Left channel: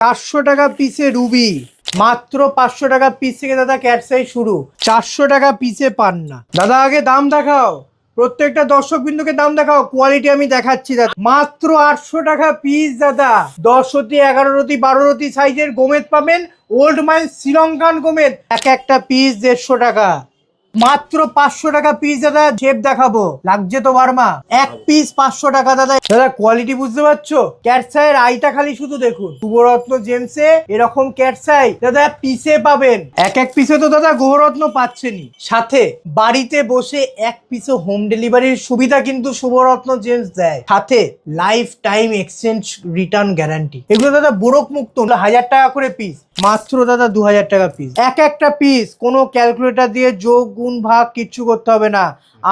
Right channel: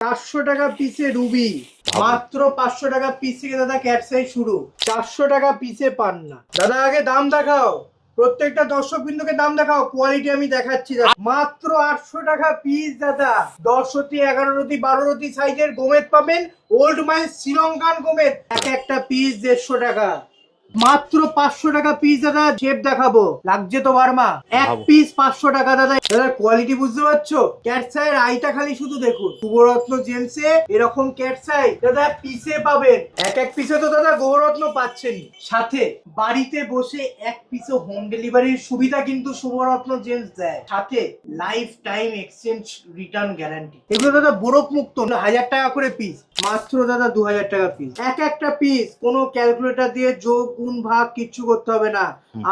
400 টাকা পিসে রুবি, মাত্র 500 টাকা পিস থেকে দাদা ক্যাটসাই শুরু। 400 টাকা পিসে পান না দাদা। আগে দাম দেখাও, প্রত্যেকটা দর্শক বিন্দুকে দাম দেখাও, কোয়ালিটি আমি দেখাচ্ছি দাদা। মাত্র 800 টাকা পিস দাদা। 10 রতি, 11 রতি, 12 রতি সাইজের গোমেদ পাবেন, ওল্ড মাইন শ্রীলঙ্কান গোমেদ। একটা পিস 150 টাকা। মাত্র 500 টাকা পিস দাদা। শেপ দেখাবো, লাগছে তো বার্মা। এক পিস 500 টাকা দাদা। দাদা কোয়ালিটি বুঝতে পারছো? ক্যাটসাইয়ের আইটা খালি শুধু দেখুন। শুভরত্ন জেমসে এরকম ক্যাটসাই দাদা পিসে পাবেন। এক পিসে তো দাদা গৌরত্ন পাচ্ছেনই, সাথে বাড়িতে বসে এক পিসে হোম ডেলিভারির সুবিধা কিন্তু শুভরত্ন জেমস দেয়, সাথে life time exchange return guarantee. এগুলো দাদা বুড়ক মুক্ত, 1000 টাকা করে পিস। মাত্র দাদা 2000 টাকা পিস। একটা পিস কোনো ক্যালকুলেটর দিয়ে যোগ গুণ ভাগ কিচ্ছু করতে হবে না।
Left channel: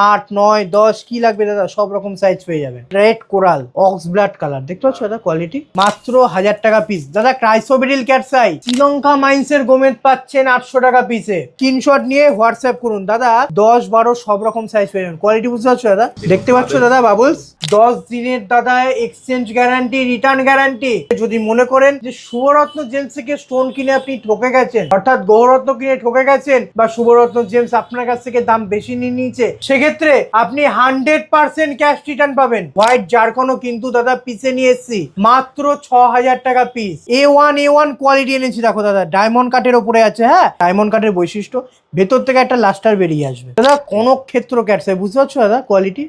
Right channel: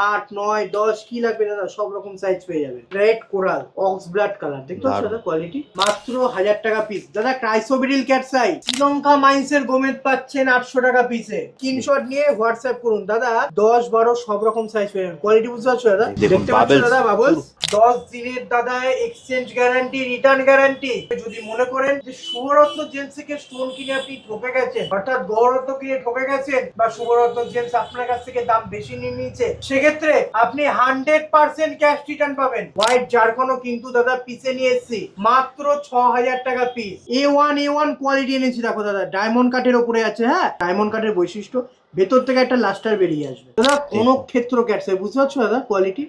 8, 9, 10 কি লাগবে দাদা, সব রকম সাইজ পেয়ে যাবেন। Red coral, ox blood colour, দেখতে পাচ্ছ দাদা কোয়ালিটি। মাত্র 1000 টাকা পিস দাদা। ক্রাইসোবেরিল ক্যাটসাই শ্রীলঙ্কা মাইন্সের গোমেদ পাচ্ছেন 800 টাকা পিসে। স্ক্রিনশট নিয়ে হোয়াটসঅ্যাপ করুন দাদা। 10, 12 সব রকম সাইজ পেয়ে যাবেন। কোয়ালিটি বুঝতে পারছো দাদা? দেখতে পাচ্ছ দাদা বাবলস। 10 দিনের দাদা এক্সচেঞ্জ গ্যারান্টি, রিটার্ন গ্যারান্টি। যদি মনে করেন যে শুভরত্ন জেমস থেকে স্টোন কিনে আপনি ঠকে গেছেন, অর্থাৎ গৌরত্ন কিনে ঠকে গেছেন, বা শুভরত্ন জেমস আপনার কাছ থেকে দাম বেশি নিয়ে নিয়েছে, সেক্ষেত্রে আপনি 100% ক্যাশ রিটার্ন পাবেন। হোয়াইট জারকনও কিন্তু দাদা পিসে নিয়ে এসেছি, মাত্র 6000 টাকা পিস। A1 কোয়ালিটি এনেছি দেখো দাদা, ডায়মন্ড কাটের উপরে আছে। হ্যাঁ, ডায়মন্ড কাটের বৈশিষ্ট্য, ভেতর থেকে একটা লাস্টার বেরিয়ে আসবে দাদা। কোনো ক্ষেত্র ক্যাটসাই, বুঝতে পারছো দাদা কোয়ালিটি।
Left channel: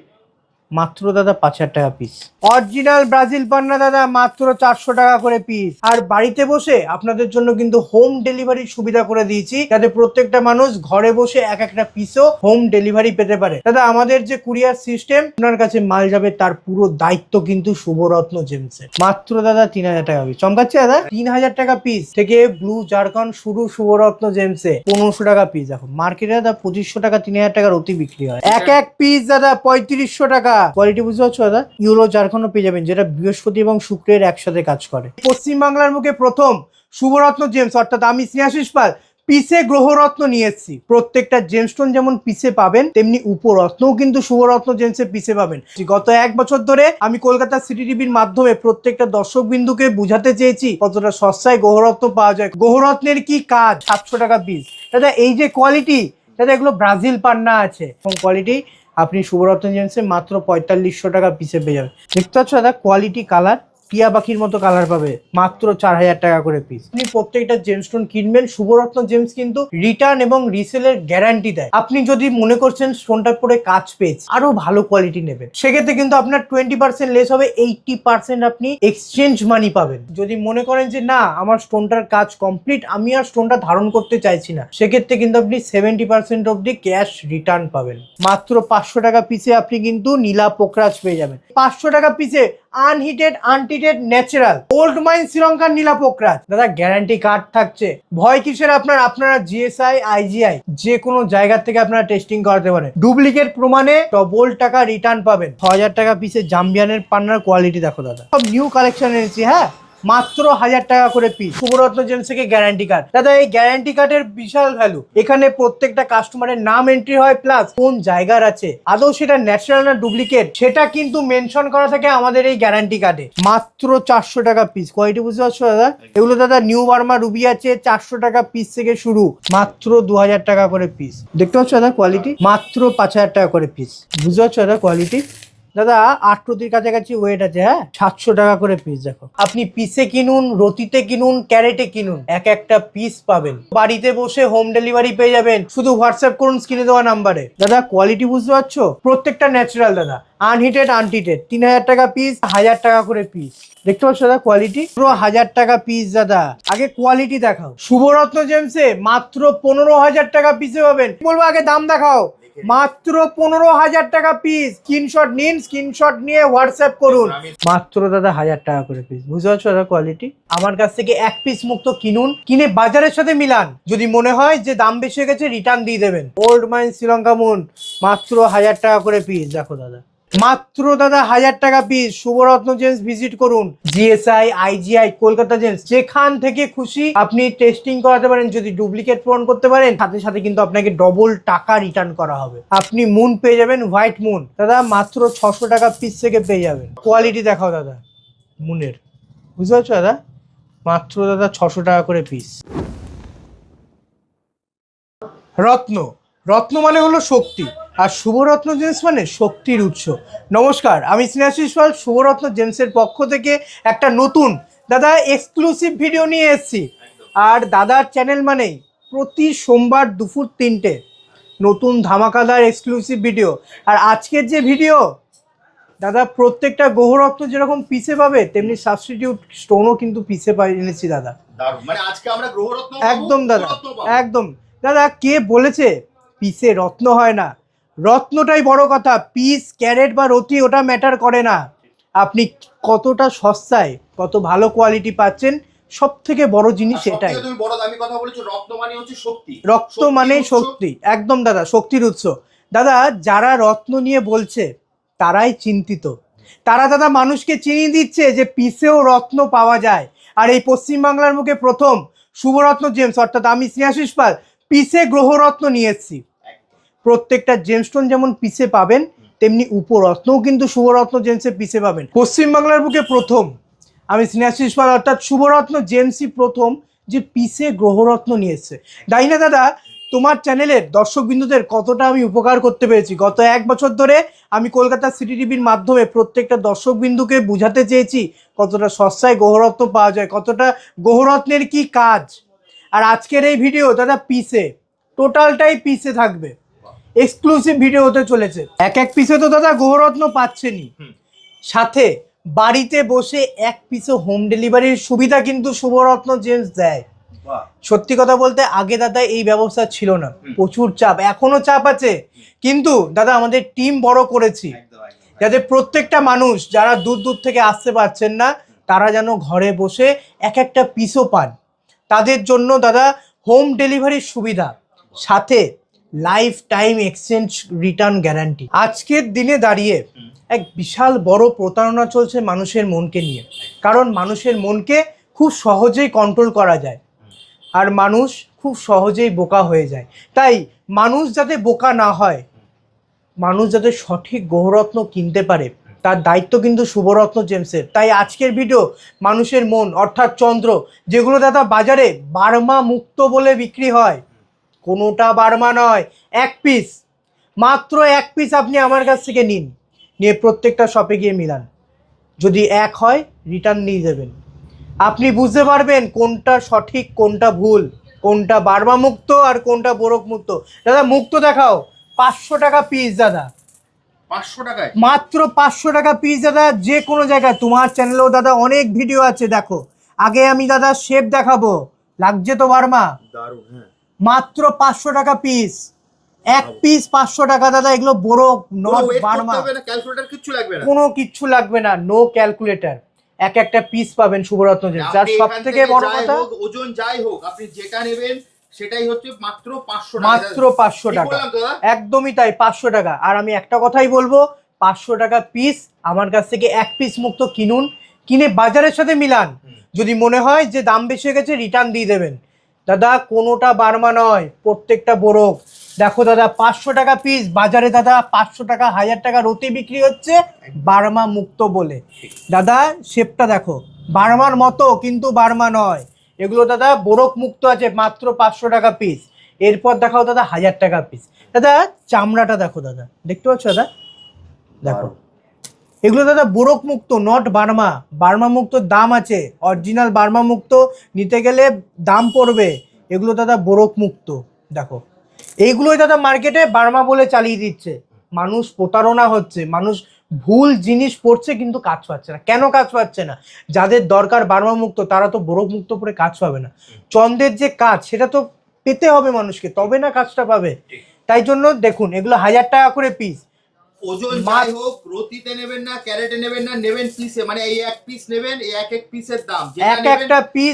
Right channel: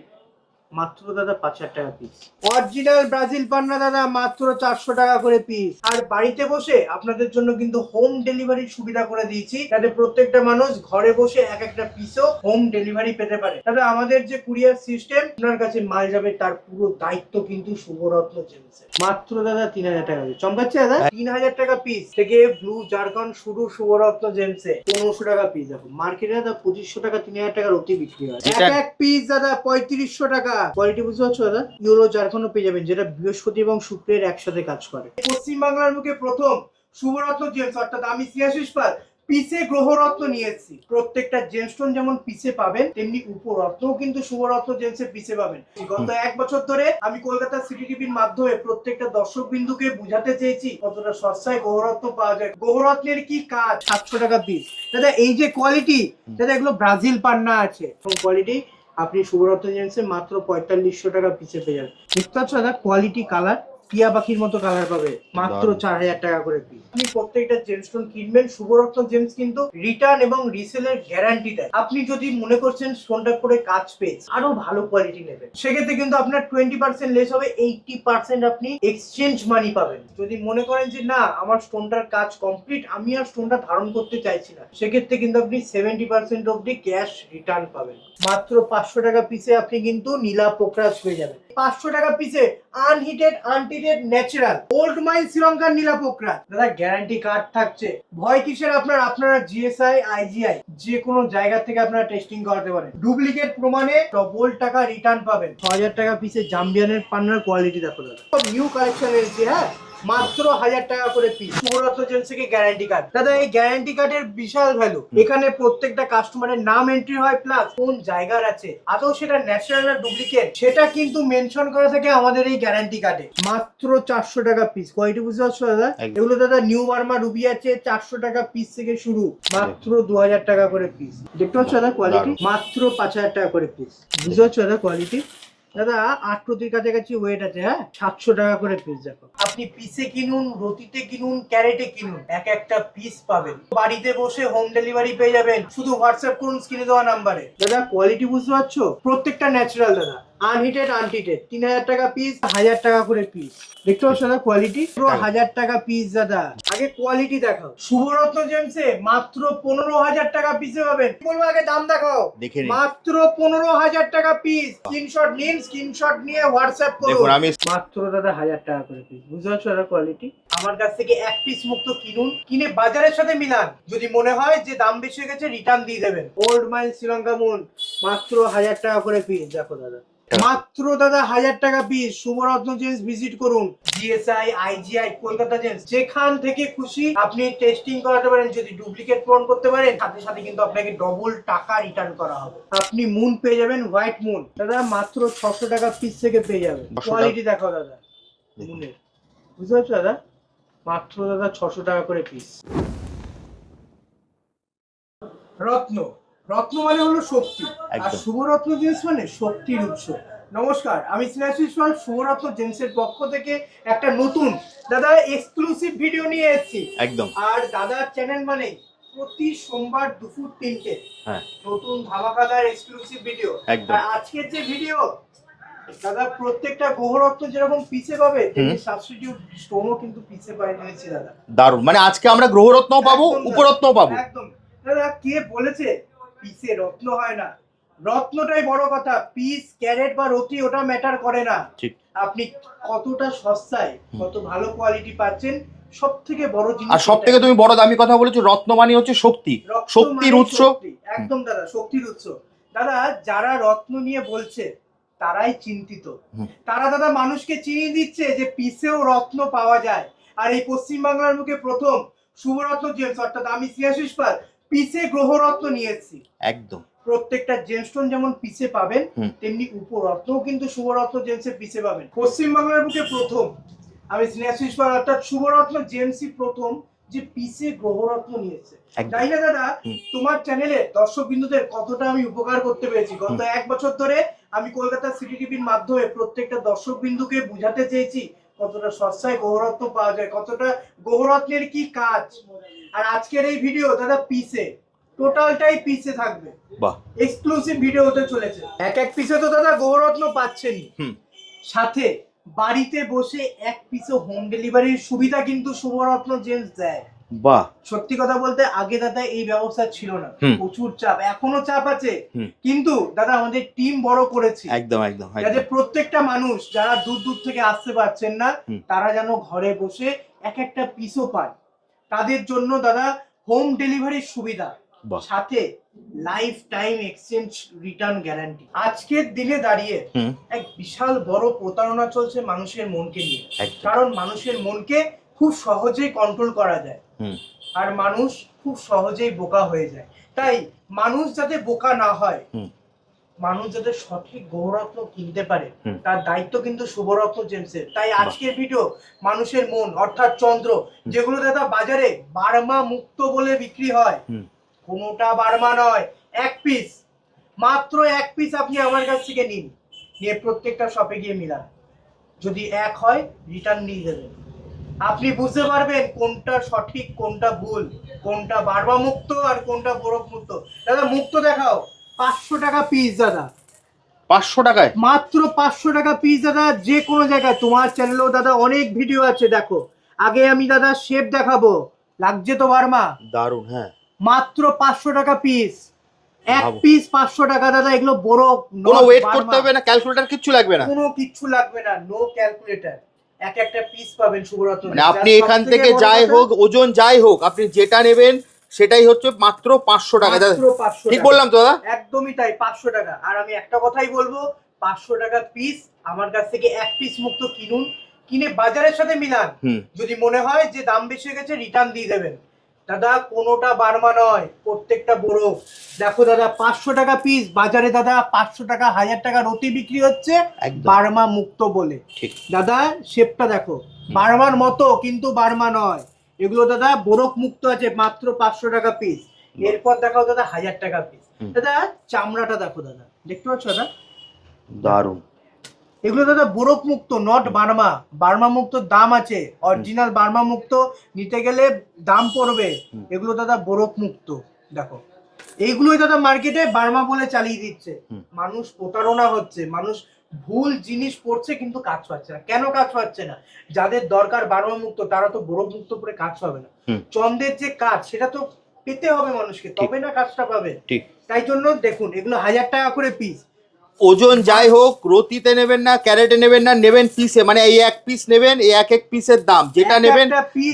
মাত্র দাদা 5000 টাকা পিস। অরিজিনাল ব্রাজিল পান্না দাদা, মাত্র 400 টাকা করে পিস। আর বাড়িতে বসে আপনাদের জন্য কিন্তু হোম ডেলিভারির সুবিধা করে দিয়েছি, যাতে প্রত্যেকটা মানুষ ঘরে বসে একটা পিসও হোম ডেলিভারি পেতে পারে। দাদা আমাদের যে কুরিয়ার সিস্টেম, আপনার কাছে মাল যাবে তার পুরো দায়িত্ব কিন্তু শুভরত্ন জেমসের। মাত্র দাদা 3000 টাকা পিস। চমকাচ্ছে দাদা? 3000 টাকা পিস থেকে ব্লু জারকান শুরু শুভরত্ন জেমসে 1500 টাকা পিস। দেখো মার্কেটে দাদা 2500 টাকা, 3000 টাকার অতি বিক্রি হয়। এক পিস দাদা 3500 টাকা। কোয়ালিটি বুঝতে পারছো দাদা? ইউলো জারকনও পেয়ে যাবেন, যেটা বৃহস্পতি এবং শুক্রের একসাথে কাজ করে। পশ্চিম বাংলার মুখে প্রথম শুভরত্ন জেমস, অর্থাৎ আমি স্নেহাশিস পাল, পিসে গ্রহরত্ন নিয়ে এসেছি। প্রত্যেকটা জেমস্টোন যেমন পিসে পাবেন, তেমনি উপরত্নও কিন্তু শুভরত্ন জেমসে পিসে পাবেন। গত 1 বছর ধরে আমি কলকাতা সিটি টিভির মাধ্যমে প্রত্যেকটা দর্শক বিন্দুকে বুঝাতে চেয়েছি কতটা সস্তায় গ্রহরত্ন পাওয়া যায়। গ্রহরত্নের কি কাজ। 700 টাকা পিস দাদা। এই যে কোয়ালিটি দাদা, এগুলো ব্রাজিল পান্না আছে, এবং কোয়ালিটি আপনি শুভরত্ন জেমসে মাত্র 4500 টাকা পিসে পেয়ে যাবেন। দেখতে পাচ্ছ দাদা কোয়ালিটি, কালার টিয়া পাখির মতো কালার পাবে, মাত্র 4000 টাকা করে পিস। আপনি প্রত্যেকটা জেমস্টোন কিনবেন, শুভরত্ন জেমস কিন্তু রিটার্ন এবং রিসেলের গ্যারান্টি দেয়। আপনি যদি মনে করছেন স্টোনটার পরে কাজ পেয়েছে, আরো ভালো কোয়ালিটি নেবেন, সেক্ষেত্রে কিন্তু আপনার 20% লেস হবে, 80% আপনি এক্সচেঞ্জ মানি পাবেন। যদি মনে করেন যে না, আমার স্টোনটার কাজ কমপ্লিট, আমি আর স্টোনটা ধারণ করতে চাইছি না, সেক্ষেত্রে কিন্তু আপনি 70% অব্দি ক্যাশ রিটার্ন পাবেন। মাত্র 500 টাকা পিসে আপনি কিন্তু নীলা পোকরাজ পেয়ে যাবেন। 500 টাকা পিসে আনহিটেড, আনটিটেড, ন্যাচারাল ওল্ড মাইন শ্রীলঙ্কার নীলা পোকরাজ দাদা। গ্যারান্টি কার্ড থাকছে, ভয় কিসের আপনারা জিএসআই, আইজিআই যে কোনো জায়গা থেকে আপনারা টেস্টিং করাতে পারেন। ডুপ্লিকেট প্রমাণে ডবল টাকা রিটার্ন পাবেন। 6000 টাকা পিসে জাম্বিয়ানের পান্নার কোয়ালিটি দেখো দাদা, সব নিউ কালেকশন এনেছি। হ্যাঁ, মাত্র 1000 টাকা করে পিস। শুভরত্ন জেমস থেকে গ্যারান্টি কার্ড দাদা। এই গ্যারান্টি কার্ডের বিশাল ভ্যালু, এখানে প্রত্যেকটা কাস্টমারের নাম এন্ট্রি হয়, প্লাস কোন জায়গার আছে, আদৌ সেটা ন্যাচারাল না ডুপ্লিকেট, সেটা কিন্তু মেনশন করা থাকে আমাদের এই গ্যারান্টি কার্ডে। মাত্র 400 টাকা পিস। কোয়ালিটি বুঝতে পারছো দাদা? এগুলো দাদা নিউ বার্মা রুবি আছে, 400 টাকা পিস থেকে শুরু, মাত্র 2000 টাকা করে পিস। দেখতে পাচ্ছ দাদা কোয়ালিটি, মাত্র 5000 টাকা করে পিস। বুঝতে পারছো দাদা কোয়ালিটি দাদা? 8 রতির কাছাকাছি ওয়েট আছে। হ্যাঁ, 700 টাকা করে পিস। দেখো আপনি পিসে কিনুন, রতিতে কিনুন, ক্যারেটে কিনুন, একটা পিস পাবেন। বাড়িতে বসে হোম ডেলিভারি পেয়ে যাবেন। শুধু হোয়াটসঅ্যাপ করুন স্ক্রিনে দেওয়া নাম্বারে। দাদা কোয়ালিটি বুঝতে পারছো? প্রত্যেকটা ন্যাচারাল দাদা, আনহিটেড, আনটিটেড। 3000 টাকা পিস, 1000 টাকা করে পিস। দেখতে পাচ্ছ দাদা কোয়ালিটি, পুরো 1000 টাকা পিস দাদা। আগে কোয়ালিটি দেখাও। শুভরত্ন জেমসে মাত্র 15000 টাকা পিসে পাবেন। বলবো আগে দাম দেখাও। মাত্র 15000 টাকা পিস। স্ক্রিনশট নিন, স্ক্রিনশট নিয়ে হোয়াটসঅ্যাপ করুন। মাত্র দাদা 1000 টাকা করে পিস। বুঝতে পারছো দাদা কোয়ালিটি? আমার কাছ থেকে এক পিস মুক্ত কিনুন, কিনে বাজারের সাথে মিলান। যদি মনে হয় যে দাম বেশি হয়ে গেছে, রিটার্ন দিয়ে দেবেন। ওল্ড মাইন শ্রীলঙ্কা মুন, মাত্র 1000 টাকা করে পিস। দেখো দাদা, মাত্র দাদা 1000 টাকা পিস। শুভরত্ন জেমস ভিজিট করুন, জিএসআই, আইজিআই, কলকাতা জেমস, যেখান থেকে খুশি আপনি টেস্টিং করাতে পারেন। যদি ডুপ্লিকেট প্রমাণ করতে পারেন, সাথে সাথে কিন্তু আপনাকে ডবল টাকা রিটার্ন করা হবে। আপনি মুন পেয়ে যাবেন, হোয়াইট মুন দাদা, মাত্র 600 টাকা পিস থেকে পেয়ে যাবেন। কোয়ালিটি দেখাও দাদা মুনের। বুঝতে পারছো দাদা? মাত্র দাদা 600 টাকা করে পিস। রত্ন, রত্ন মানে হলো শক্তি, আর শুভরত্ন জেমস মানে শক্তির উৎস। নমস্কার, আমি স্নেহাশিস পাল, শুভরত্ন জেমসের পক্ষ থেকে একটা নতুন দাদা এক্সক্লুসিভ ভিডিও নিয়ে এসেছি একদম। আর দাদার চ্যানেল মানেই প্রতি সোমবার দুপুর 3টে নতুন ধামাকাদার এক্সক্লুসিভ ভিডিও। আর আজকের যে ভিডিও দাদা, প্রত্যেকটা গ্রহরত্ন যেরকম পিসে পাবে তেমনি সাবস্টিটিউট স্টোনও কিন্তু পিসে পাই এনেছি দাদা। দারুণ, মানে আজকে আমরা গ্রহরত্ন পাবো, উপরত্ন পাবো। একদম দাদা, কে বলেছে পিসে রত্ন হয় না? রত্নটাই বড় কথা, পিস ক্যারেট বা রতি ওটা ম্যাটার করে না। আপনি কতটা সস্তায় কত ভালো কোয়ালিটি পাচ্ছেন, সব থেকে বড় জিনিস। সব থেকে তুমি বড় দামি কথা বলেছো, রত্ন মানে হচ্ছে শক্তি। রত্ন মানে শক্তি, একদম দাদা, শক্তির উৎস। দাদা, যারা রত্ন নিয়ে বলছে তারাই চিন্তিত। তারা দাদা মানুষকে চিনিয়ে দিচ্ছে যে পিসেও রত্ন পাওয়া যায়। আর এই পশ্চিমবাংলার মুখে প্রথম শুভরত্ন জেমস, অর্থাৎ আমি স্নেহাশিস পাল, পিসে গ্রহরত্ন নিয়ে এসেছি। একদম প্রত্যেকটা জেমস্টোন যেমন পিসে পাবেন তেমনি উপরত্নও কিন্তু শুভরত্ন জেমসে পিসে পাবেন। পশ্চিমবাংলার বুকে প্রথম আমি স্নেহাশিস পাল অর্থাৎ শুভরত্ন জেমসই প্রথম যে পিসে গ্রহরত্ন নিয়েছে। তাই না দাদা? তোমার চ্যানেলের দর্শক বিন্দুদের কতটা আমি উপকার করতে পেরেছি। গত 1 বছর ধরে আমি কলকাতা সিটি টিভির মাধ্যমে প্রত্যেকটা দর্শক বিন্দুকে বুঝাতে চেয়েছি কতটা সস্তায় গ্রহরত্ন পাওয়া যায়, কতটা গ্রহরত্নের কি কাজ। আর আজকের এই ভিডিও দাদা পিসে, টোটালটাই পিসে থাকবে, এক্সক্লুসিভ ভিডিও হতে চলেছে। এক পিসে তো দাদা গ্রহরত্ন পাচ্ছেনই, সাথে বাড়িতে বসে 1 পিসে হোম ডেলিভারির সুবিধা কিন্তু শুভরত্ন জেমস দেয়। বাহ, সত্যি কথা বলতে আগে দাদা এই ব্যবস্থা ছিল না, প্রচুর চাপ, এখনো চাপ আছে, কিন্তু দাদা আমাদের টিম বড় করেছি একদম একদম, যাতে প্রত্যেকটা মানুষ যারা দূর দূর থেকে আসতে পারছেন না তারা যেন ঘরে বসে একটা পিসও পান। তাদের জন্য দাদা হোম ডেলিভারির সুবিধা, সাথে life time exchange return guarantee. আজকের দিনে দাঁড়িয়ে এক বিশাল বড় প্রতারণা চলছে মানুষের মনকে নিয়ে, কারণ মানুষের মনকে খুব সহজেই কন্ট্রোল করা যায় আর মানুষ খুব সহজেই বোকা হয়ে যায়। তাই মানুষ যাতে বোকা না হয়, মানুষ যাতে সঠিক গ্রহরত্ন কিনতে পারে, তার দায়িত্ব কিন্তু শুভরত্ন জেমসের। তাই আজকের ভিডিও মানুষের মন অর্থাৎ চন্দ্র, যেগুলো দাদা বাজারে বার্মা মুক্ত বলে বিক্রি হয়, কোনোটা বার্মা নয়, 1 পিস, মাত্র 1 পিস আপনি আমার কাছ থেকে নিন, নিয়ে প্রত্যেকটা শপে গিয়ে মিলান, যদি 1 হয় রিটার্ন নিয়ে যাবেন। আপনি বুঝতে পারবেন কোনটা সঠিক কোনটা ভুল, কোনটা বার্মা মুক্ত আর কোনটা বোরক মুক্ত। দাদা মুক্ত দেখাও, 500 টাকা পিস দাদা। 500 টাকায় মাত্র 500 টাকা পিস দাদা, যে কোনো জায়গায়। তোমার চ্যানেলেও দাদা অনেক ভিডিও আছে, দেখো। আগে আমি দাদা শেপ দেখাবো, লাগছে তো বার্মা? দারুণ, হ্যাঁ। মাত্র 500 টাকা পিস, 1 পিস 500 টাকা দাদা। এগুলো বোরক, কোনো ওয়েট করতে হবে না, ক্যালকুলেটর কিচ্ছু লাগবে না, কোনো কিচ্ছু লাগবে না, নো ক্যালকুলেটর। একটা পিস পাবেন শুভরত্ন জেমস। আপনি এখান থেকে যাই হোক, ওজন যাই হোক, আপনি যেটা নেবেন সেটাই হচ্ছে মাত্র 500 টাকা। মাত্র 500 টাকা, ঠিক বললাম তো দাদা? একদমই তাই, 500 টাকা। আর আমি একটা কথাই বলবো, 500 টাকা পিস আমার কাছ থেকে 1 পিস মুক্ত কিনুন, কিনে বাজারের সাথে মিলান। যদি মনে হয় যে দাম বেশি হয়ে গেছে রিটার্ন দিয়ে দেবেন। দাদা কোনোটা বার্মা নয়, প্রত্যেকটা বোরক। দেখো দাদা 500 টাকা পিস, বাজারে দাদা 500 টাকা 1000 টাকা রতি বিক্রি হচ্ছে বার্মা মুক্ত বলে। দাদা শেপটা দেখো, বার্মার মতো কিন্তু বার্মা নয়, এগুলো দাদা বোরক মুক্ত আছে, মাত্র 500 টাকা পিস। এরপর দেখাও দাদা 1000 টাকা পিস। দাদা চামড়াটা দেখো দাদা, দেখতে পাচ্ছ দাদা? দারুণ। এগুলো দাদা বোরক মুক্ত, নট বার্মা। বার্মা মুক্ত দাম আছে, অরিজিনাল বার্মা মুক্ত নিতে গেলে দাম পড়বে, এগুলো দাদা বোরক মুক্ত। দেখো এইগুলোই দাদা মার্কেটে বার্মা বলে চালিয়ে দিচ্ছে, মানুষ প্রতারণা হচ্ছে, মানুষ ভুল জিনিস পড়ছে কিন্তু কাজ পাচ্ছে না। কেন কাজ পাচ্ছে না? যাদের দরকার বার্মা মুক্ত তারা তো বোরক মুক্ত পরে কাজ পাবে না। চন্দ্রের যে কাজ সেটা তো পেতে হবে মানুষকে, তবে না কাজটা পাবে। তাই জন্য দেখুন এগুলো 1000 টাকা করে পিস। ওজন যাই হোক, রতিতে নেবেন না, ক্যারেটে নেবেন না, নেবেন পিসে, মানে এই 1 পিস নেবেন, এই এক পিসের দাম যেটা নেবেন,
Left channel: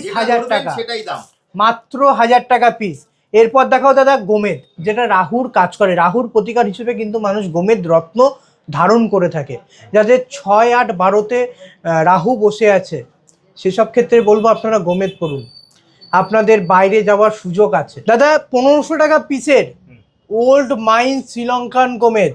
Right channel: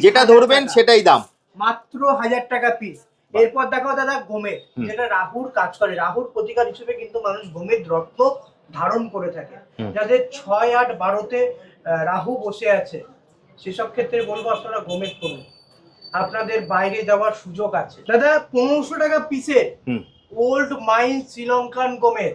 যেটা ধরবেন সেটাই দাম, মাত্র 1000 টাকা পিস। এরপর দেখাও দাদা গোমেদ, যেটা রাহুর কাজ করে, রাহুর প্রতিকার হিসেবে কিন্তু মানুষ গোমেদ রত্ন ধারণ করে থাকে। যাদের 6, 8, 12তে রাহু বসে আছে সেসব ক্ষেত্রে বলবো আপনারা গোমেদ করুন, আপনাদের বাইরে যাওয়ার সুযোগ আছে। দাদা 1500 টাকা পিসের ওল্ড মাইন শ্রীলঙ্কান গোমেদ,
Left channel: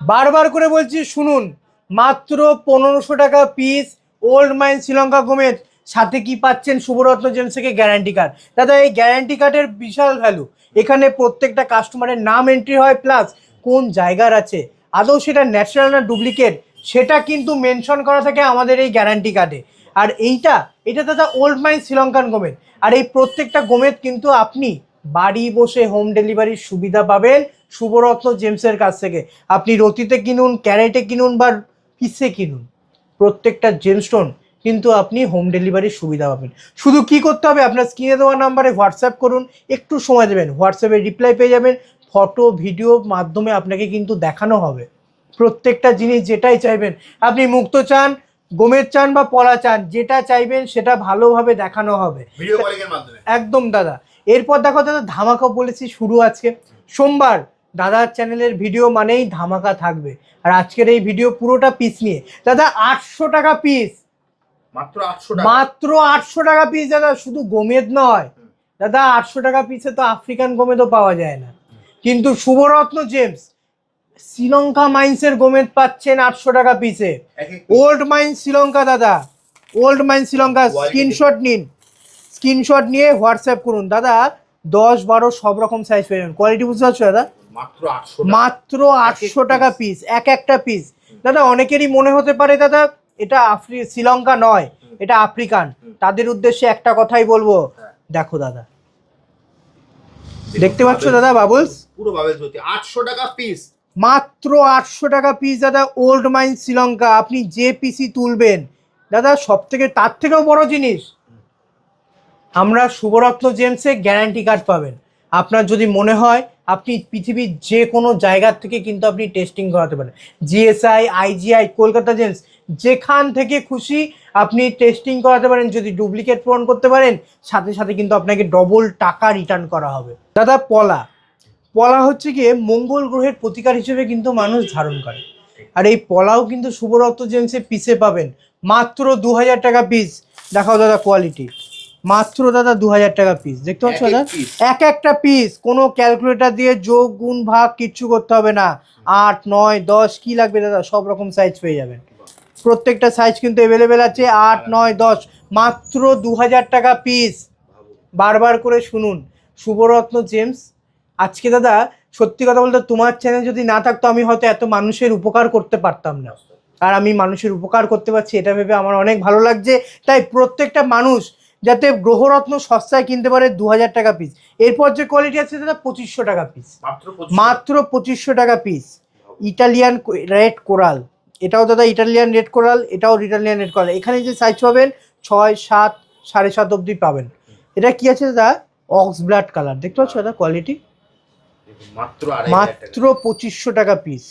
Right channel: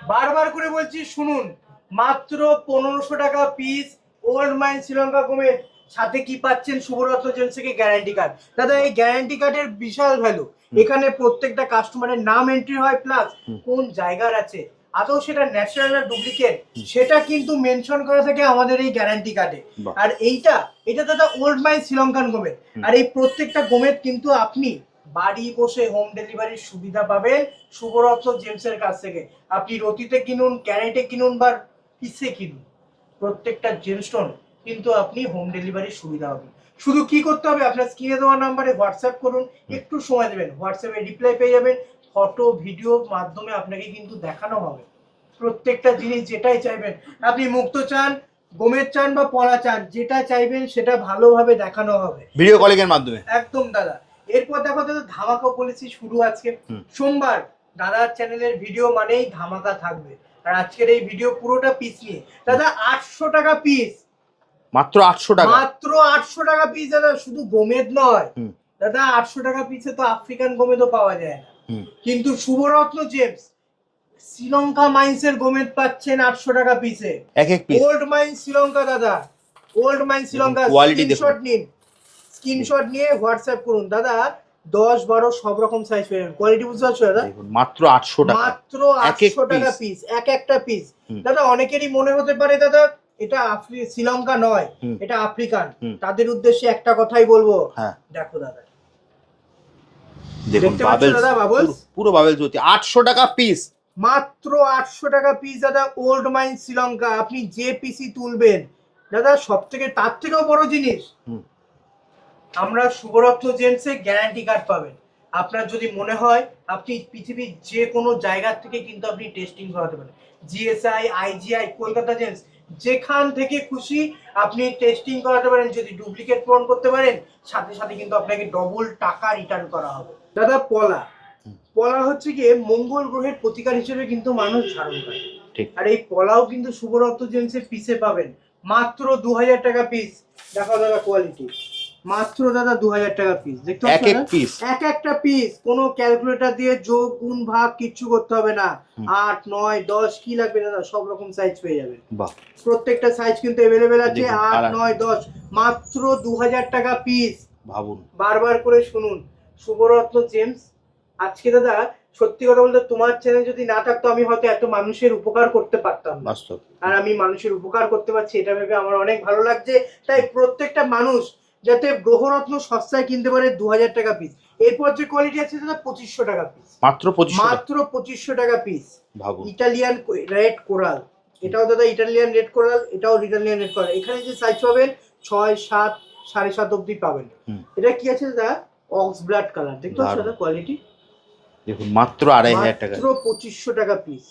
বারবার করে বলছি শুনুন, মাত্র 1500 টাকা পিস ওল্ড মাইন শ্রীলঙ্কা গোমেদ। সাথে কি পাচ্ছেন শুভরত্ন জেমস থেকে গ্যারান্টি কার্ড। দাদা এই গ্যারান্টি কার্ডের বিশাল ভ্যালু, এখানে প্রত্যেকটা কাস্টমারের নাম এন্ট্রি হয়, প্লাস কোন জায়গার আছে, আদৌ সেটা ন্যাচারাল না ডুপ্লিকেট সেটা কিন্তু মেনশন করা থাকে আমাদের এই গ্যারান্টি কার্ডে। আর এটা দাদা ওল্ড মাইন শ্রীলঙ্কান গোমেদ, আর এই প্রত্যেকটা গোমেদ কিন্তু আপনি বাড়ি বসে হোম ডেলিভারির সুবিধা পাবেন শুভরত্ন জেমসের কাছ থেকে। আপনি রতিতে কিনুন, ক্যারেটে কিনুন বা পিসে কিনুন, প্রত্যেকটা জেমস্টোন কিন্তু আপনি হোম ডেলিভারির সুবিধা পাবেন। শুধু কি করতে হবে, আপনার স্ক্রিনে দেওয়া নাম্বারে হোয়াটসঅ্যাপ করুন, একটু সময় দেবেন, হোয়াটসঅ্যাপে রিপ্লাই পেয়ে যাবেন, ফটো ভিডিও মাধ্যমে আপনাকে কিন্তু দেখানো হবে প্রত্যেকটা জিনিস। যেটাই চাইবেন আপনি, মুক্ত চান, গোমেদ চান বা পলা চান, যেটা চাইবেন সেটা ভালোভাবে দেখানো হবে ভিডিও কলিং এর মাধ্যমে। একদম দাদা। এরপর দেখো দাদা ধামাকা বলেছি শুরু আজকে সোমবার, দাদার চ্যানেলের ভিডিও মানেই ধামাকা থাকবে। আর আজকের এই ভিডিও পুরোটা পিস নিয়ে দাদা 800 টাকা পিস, মাত্র 800 টাকা, মাত্র 800 টাকা পিস দাদা। শুধু গোমেদ নয় দাদা, 800 টাকা পিসে তো আফ্রিকান গোমেদও পাওয়া যায় না, কিন্তু শুভরত্ন জেমস শ্রীলঙ্কা মাইন্সের গোমেদ পাচ্ছেন 800 টাকা পিসে। ওল্ড মাইন শ্রীলঙ্কা দাদা, ওল্ড মাইন শ্রীলঙ্কা। স্ক্রিনশট নিন, স্ক্রিনশট নিয়ে হোয়াটসঅ্যাপ করুন দাদা। 10-12 সব রকম সাইজ পেয়ে যাবেন। কোয়ালিটি বুঝতে পারছো দাদা? মাত্র 800 টাকা, মাত্র 800 টাকা পিস, এক একটা পিস। দাদা অনেকেরই মনে হতে পারে দাদা এটা শ্রীলঙ্কা নয়, এটা আফ্রিকান। তাদের উদ্দেশ্যে একটা কথাই বলবো, দেখো দাদা, দেখতে পাচ্ছ দাদা বাবলস, পুরো বাবলস হচ্ছে 800 টাকা পিস, মাত্র 800 টাকা পিস দাদা। ওল্ড মাইন শ্রীলঙ্কা, আপনি যে পিসি তুলবেন দাদা, সব থেকে তার থেকেও বড় জিনিস, আমরা শুভরত্ন জেমসে গ্যারান্টি কার্ড পাবেন। আপনার যদি মনে হয় আপনি পৃথিবীর যে কোনো জায়গার থেকে কিন্তু আপনি টেস্টিং করাতে পারেন, জিএসআই, আইজিআই, কলকাতা জেমস, যেখান থেকে খুশি আপনি টেস্টিং করাতে পারেন। যদি ডুপ্লিকেট পূরণ করতে পারেন, সাথে সাথে কিন্তু আপনাকে ডবল টাকা রিটার্ন করা হবে। দাদা পলা হচ্ছে গিয়ে মঙ্গল গ্রহের প্রতিকার হিসেবে কিন্তু মানুষ ধারণ করে, আর এই পলাও কিন্তু শুভরত্ন জেমসে পিসে পাবেন মাত্র 2000 টাকা পিস। দেখাও দাদা কোয়ালিটি, মাত্র দাদা 2000 টাকা পিস। দেখতে পাচ্ছ এক একটা পিস, কোনো ক্যালকুলেটর দিয়ে যোগ গুণ ভাগ কিচ্ছু করতে হবে না। 8, 9, 10 কি লাগবে দাদা, সব রকম সাইজ পেয়ে যাবেন। প্রত্যেকটা সাইজ কিন্তু অ্যাভেলেবেল আছে। 8, 9, 10 মাত্র 2000 টাকা পিস। ভাবুন, বারবার করে শুনুন, শুভরত্ন জেমস। আজকে দাদা সত্যি কথা বলতে তোমার চ্যানেল যদি না থাকতো আমি হয়তো এত মানুষের উপকার করতে পারতাম না, আর আমি মানুষের উপকার করতে পারছি এটা ভেবে আমার অনেক ভালো লাগছে। তাই প্রত্যেকটা মানুষ যাতে গ্রহরত্ন সস্তায় কিনতে পারে, 2000 টাকা পিস। এরপর যে কোয়ালিটি আছে দাদা 2500 টাকা পিস, মাত্র 2500 টাকা পিস। ইটালিয়ান রেড কোরাল, এটাও দাদা ইটালিয়ান রেড কোরাল, এটাও ইটালিয়ান রেড কোরাল। এখানে যে সাইজ পাবেন 6, 7, 7.5 অবধি পাবেন। এটা কি আছে দাদা, অক্স ব্লাড কালার। দেখতে পাচ্ছ দাদা কোয়ালিটি, দেখুন মাত্র 2500 টাকা, মাত্র 2500 টাকা পিস।